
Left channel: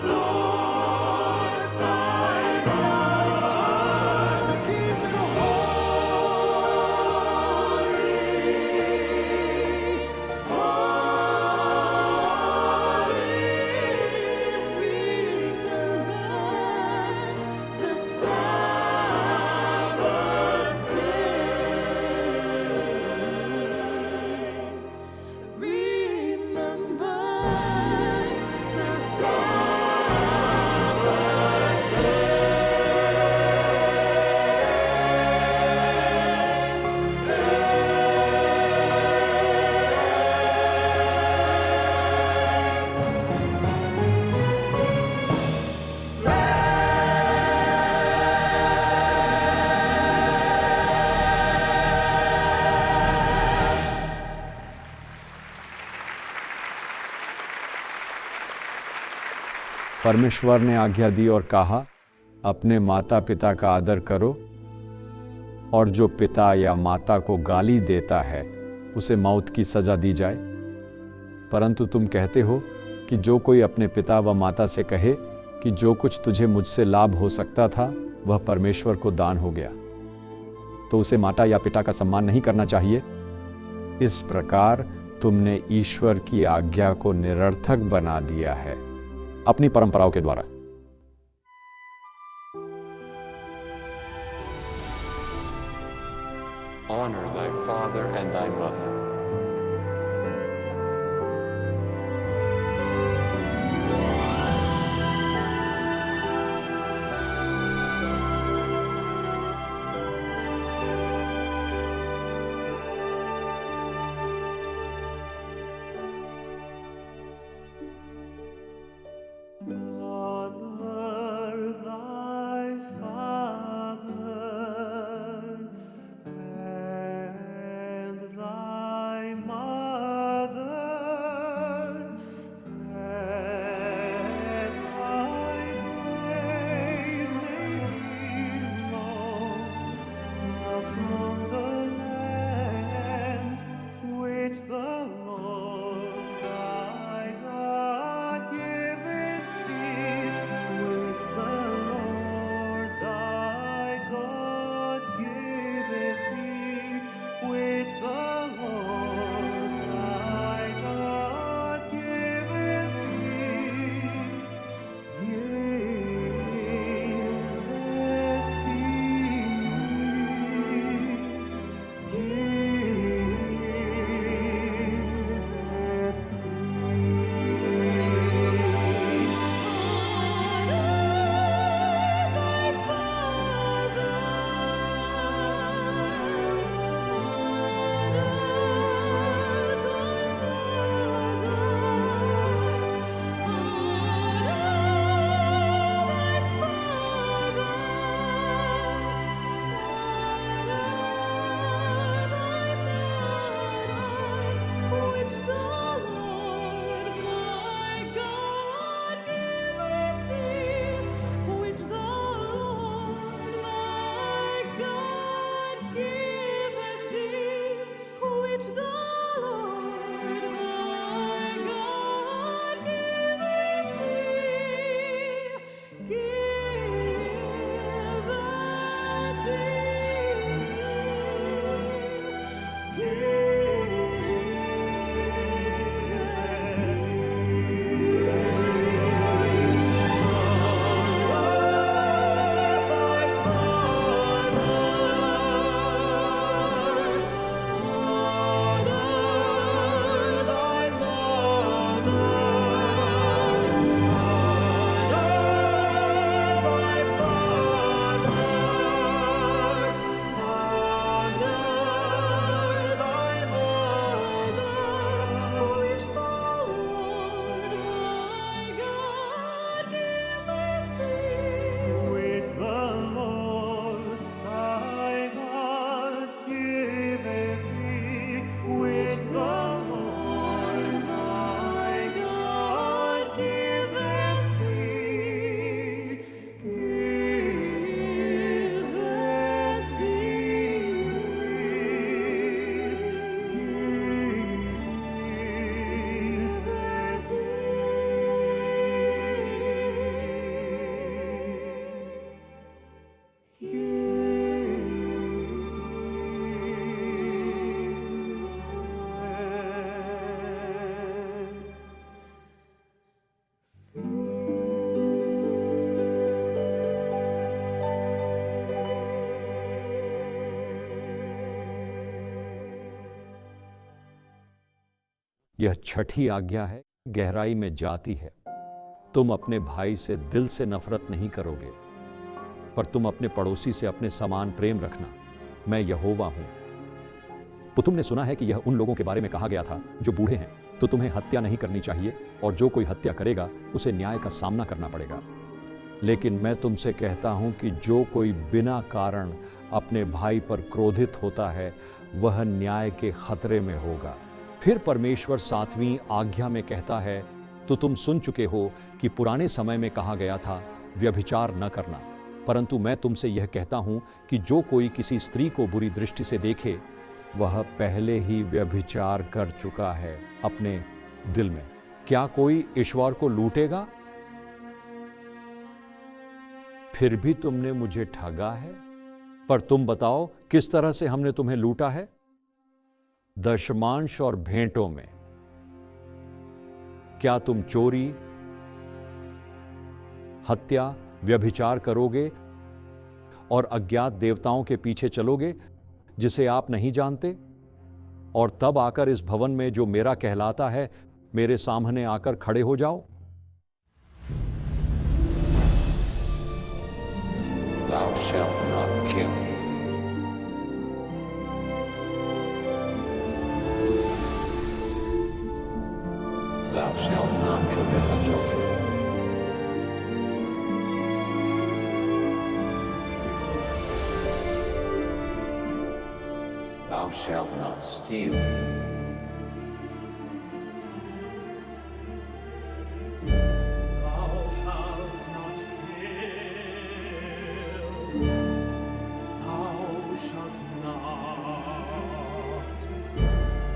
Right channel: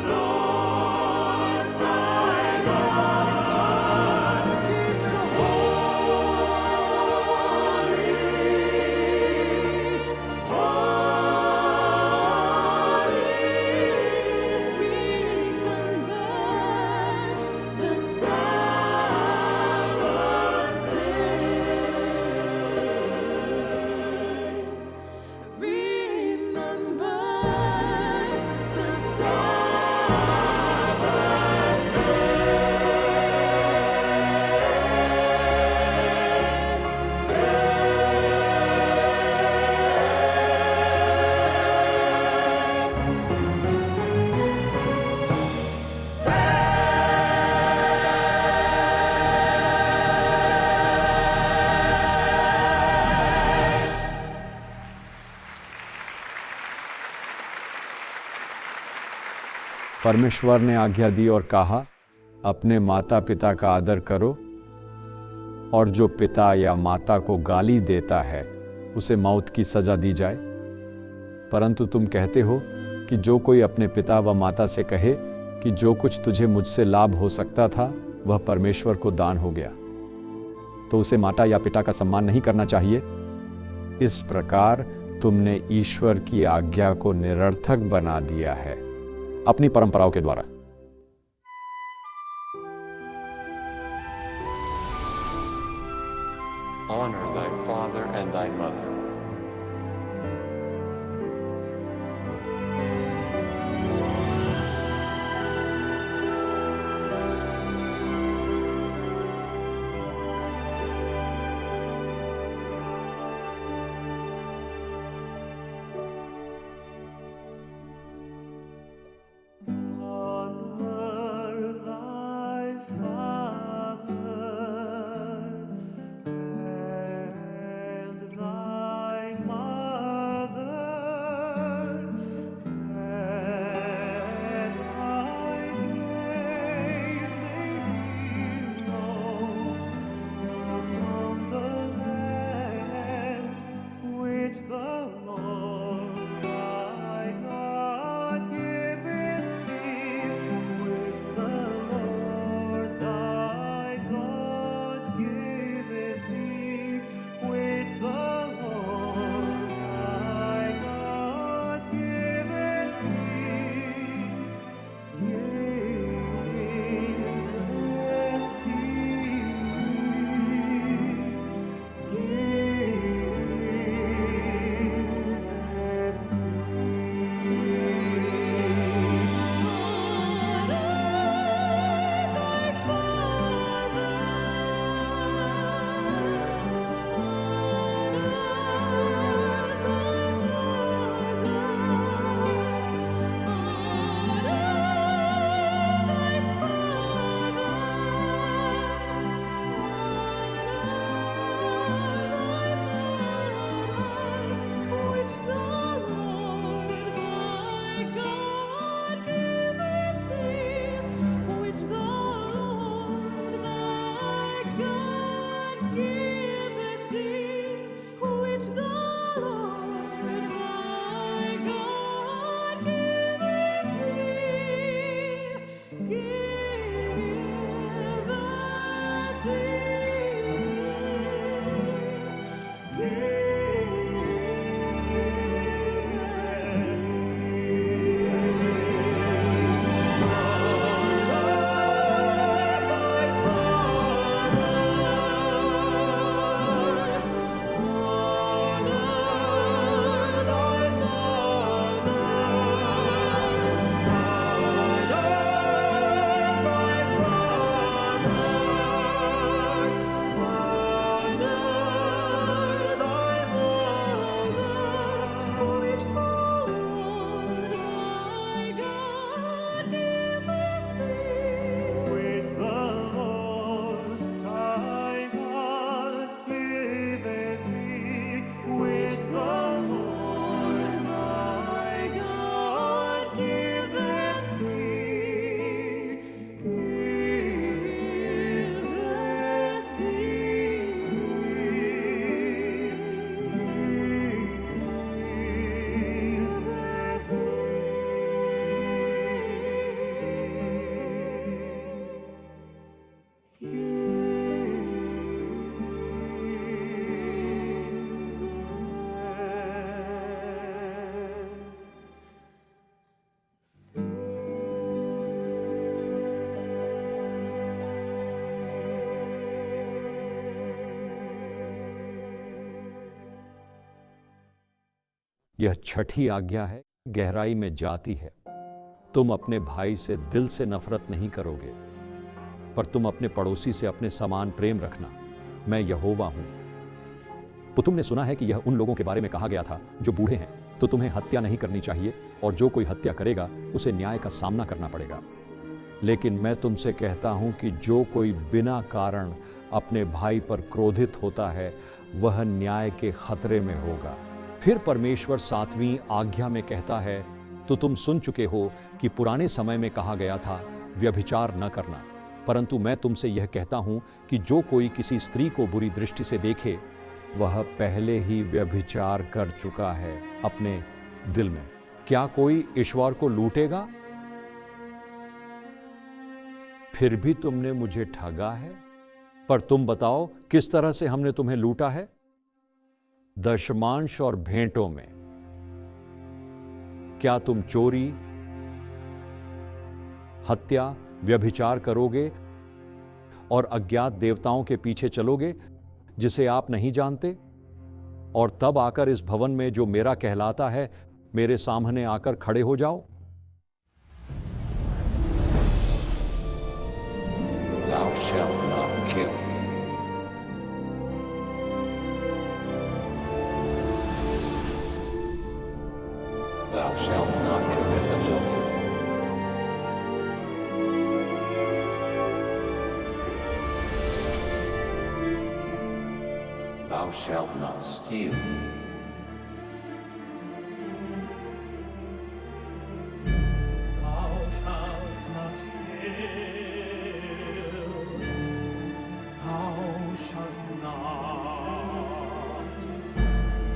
Lord thy God. Oh, keep it holy, holy. Remember the Sabbath day. Remember the Sabbath परमेश्वर ने आज्ञा दी और कहा, अपने माता पिता का आदर करो और जो पिता या माता को गाली देता है उसे मौत की सजा दी जाए। परंतु तुम कहते हो कि जो कोई अपने पिता व माता से कहे कि जो कुछ तुझे मुझसे लाभ हो सकता था वह परमेश्वर को दान हो गया, तो उसे माता या पिता का सम्मान नहीं करना चाहिए। इस प्रकार तुमने ईश्वर की आज्ञा को निरर्थक बना दिया है अपनी परंपराओं के द्वारा। Honor thy father and thy mother. Honor thy father and thy mother, that thy days may be long upon the land which the Lord thy God giveth thee, which the Lord thy God giveth thee, which the Lord thy God giveth thee, यह छठी आज्ञा है, गहराई में जाती है। तुम अपने भाई से दिल से नफरत नहीं करोगे, पर तुम अपने पड़ोसी से अपने समान प्रेम रखना। मैं यहोवा हूं। तो तुमने सुना है कि यह उन लोगों के बारे में कहा गया था जो बूढ़े हैं, तो तुम्हें हत्या नहीं करनी चाहिए, और जो कोई हत्या करेगा उसे न्याय का सामना करना पड़ेगा। लेकिन मैं तुमसे कहता हूं कि जो कोई बिना कारण अपने भाई पर क्रोधित होता है वह न्याय के खतरे में होगा। फिर परमेश्वर 7वीं आज्ञा में कहता है, तो तुम सुन चुके हो कि पुराने समय में कहा गया था, व्यभिचार न करना, परंतु मैं तुमसे यह कहता हूं कि जो कोई किसी स्त्री को बुरी दृष्टि से देखे वह पहले ही व्यभिचार कर चुका है अपने दिल में। क्या कोई ईश्वर को लूटेगा? फिर भी तुमने मुझे ठगा है। पर तुम बताओ किस तरह से हमने तुम्हें लूटा है? दशमांश और भेंटों में। क्या तुम चोरी, हत्या, व्यभिचार करोगे और अज्ञात देवताओं के पीछे चलोगे जिसे आप नहीं जानते? और तब आकर इस भवन में जो मेरा कहलाता है मेरे सामने आकर खड़े हो जाओ। Thou shalt not kill. Thou shalt not commit adultery. Thou shalt not steal. Thou shalt not kill. Thou shalt not.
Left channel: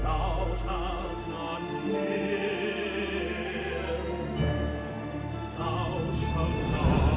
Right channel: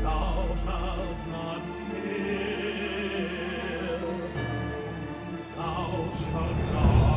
Thou shalt not kill. Thou shalt not.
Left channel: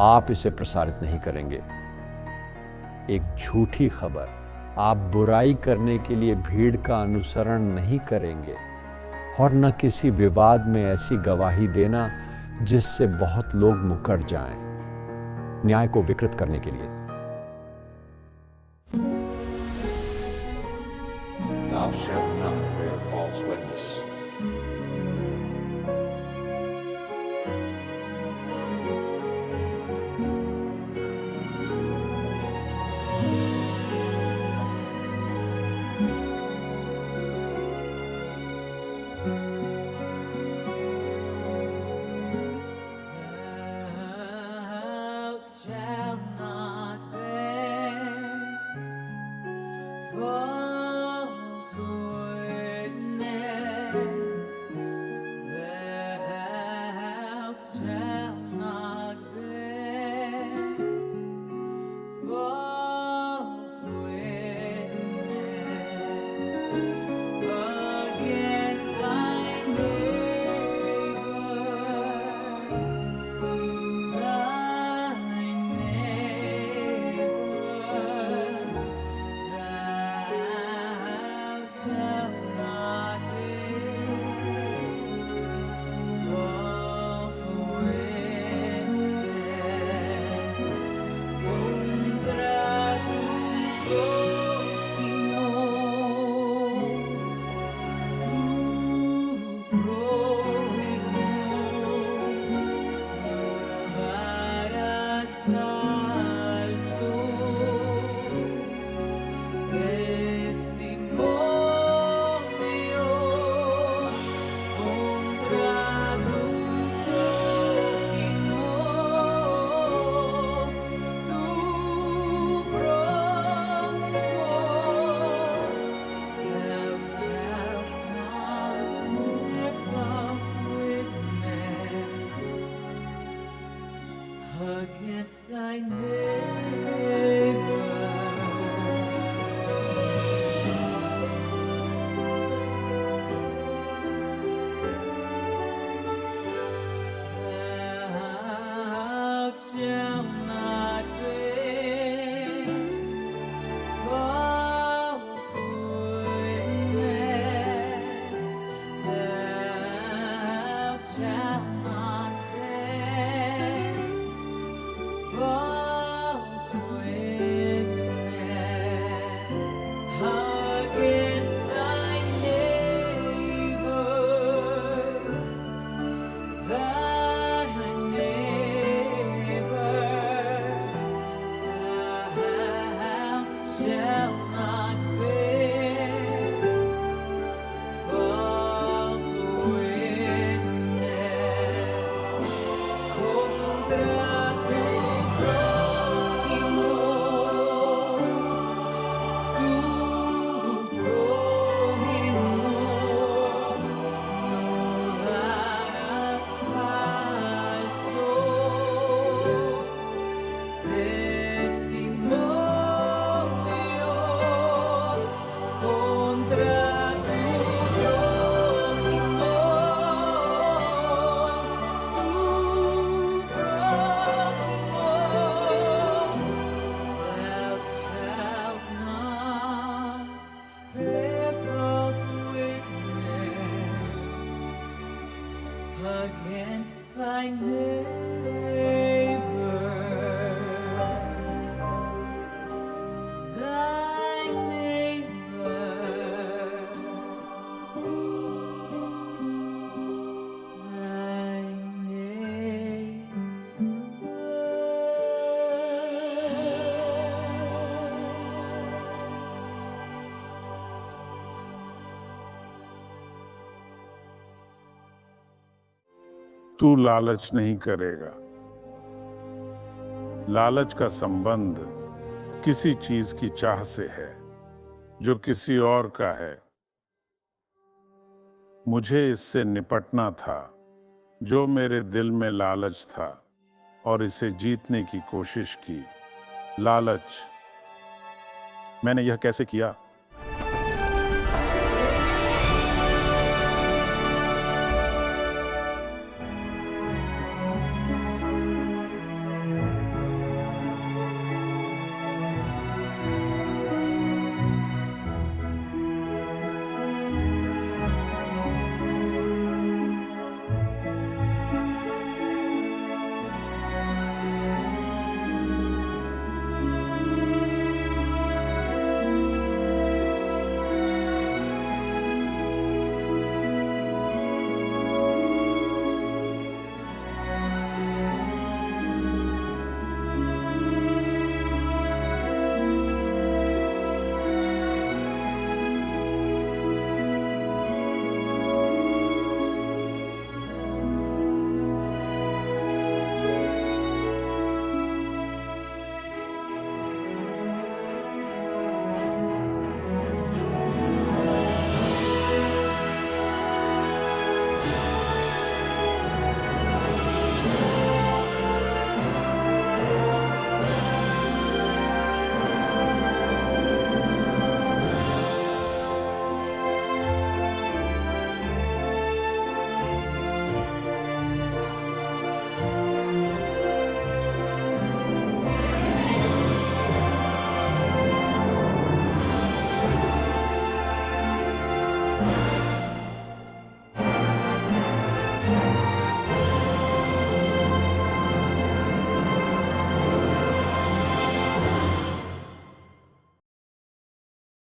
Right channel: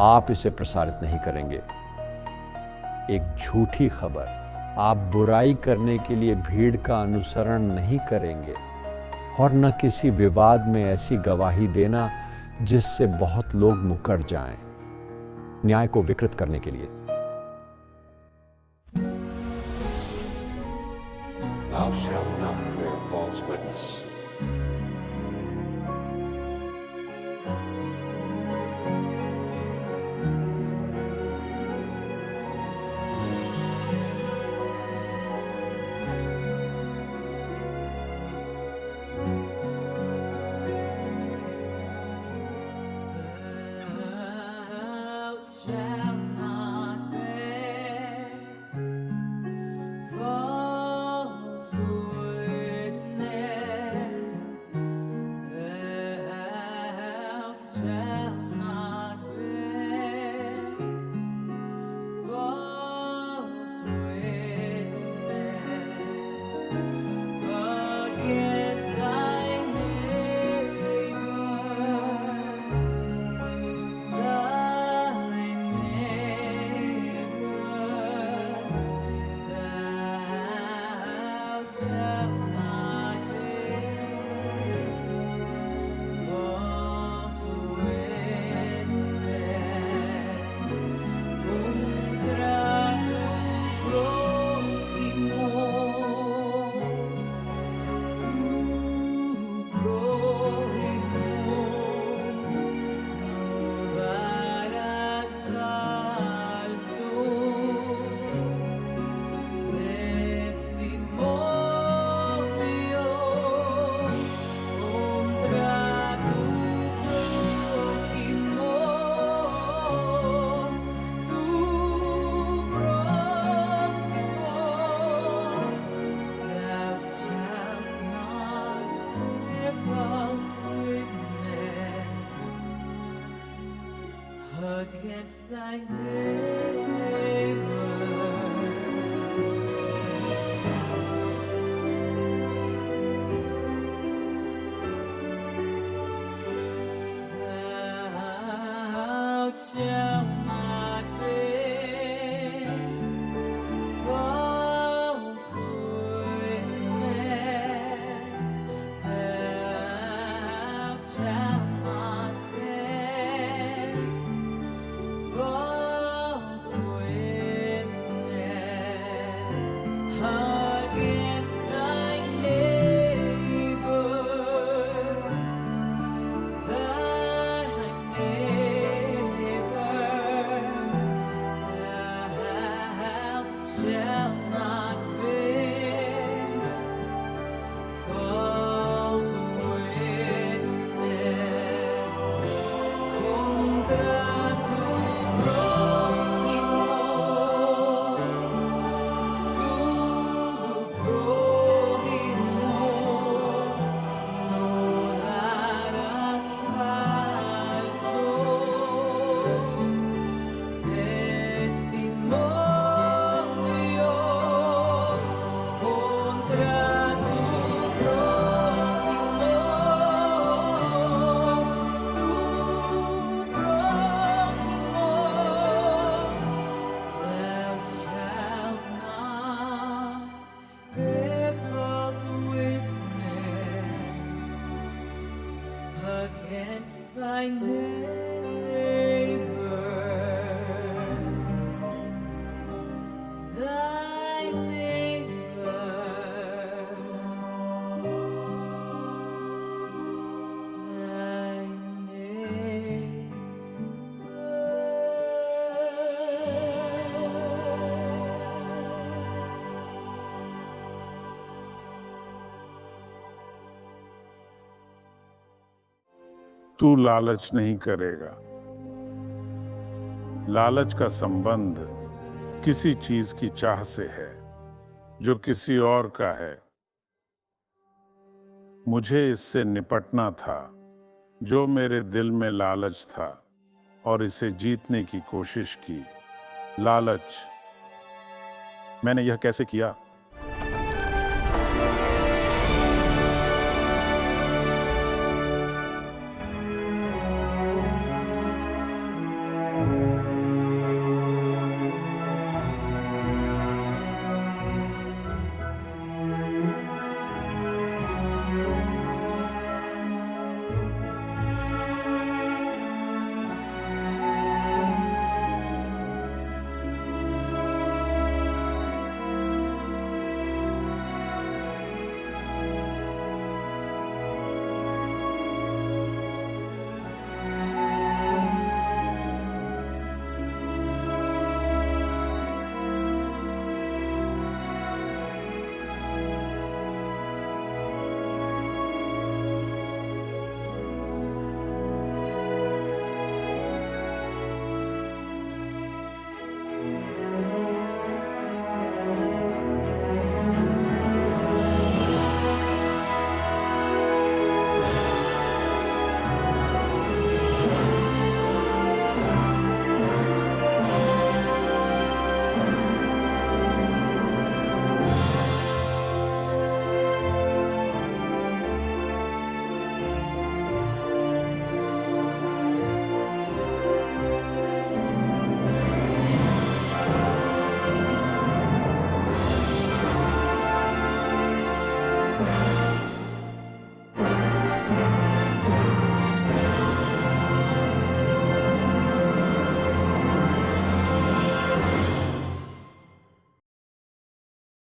आप इसे प्रसारित नहीं करेंगे। एक झूठी खबर, आप बुराई करने के लिए भीड़ का अनुसरण नहीं करेंगे और न किसी विवाद में ऐसी गवाही देना जिससे बहुत लोग मुकर जाएं, न्याय को विकृत करने के लिए। Thou shalt not bear false witness. Thou shalt not bear false witness. Thou shalt not bear false witness against thy neighbor. Against thy neighbor. Thou shalt not bear false witness. Thou shalt not bear false witness against thy neighbor. Thy neighbor. Thou shalt not bear false witness contra tu prójimo. Tu prójimo no darás falso testimonio contra tu prójimo. Tu prójimo. Thou shalt not bear false witness against thy neighbor. Thy neighbor. Thy neighbor. तू लालच नहीं करेगा। लालच का संबंध किसी चीज की चाह से है जो किसी और का है। मुझे इससे निपटना था जो मेरे दिल में लालच था और इसे जीतने की कोशिश की। लालच। मैंने यह कैसे किया?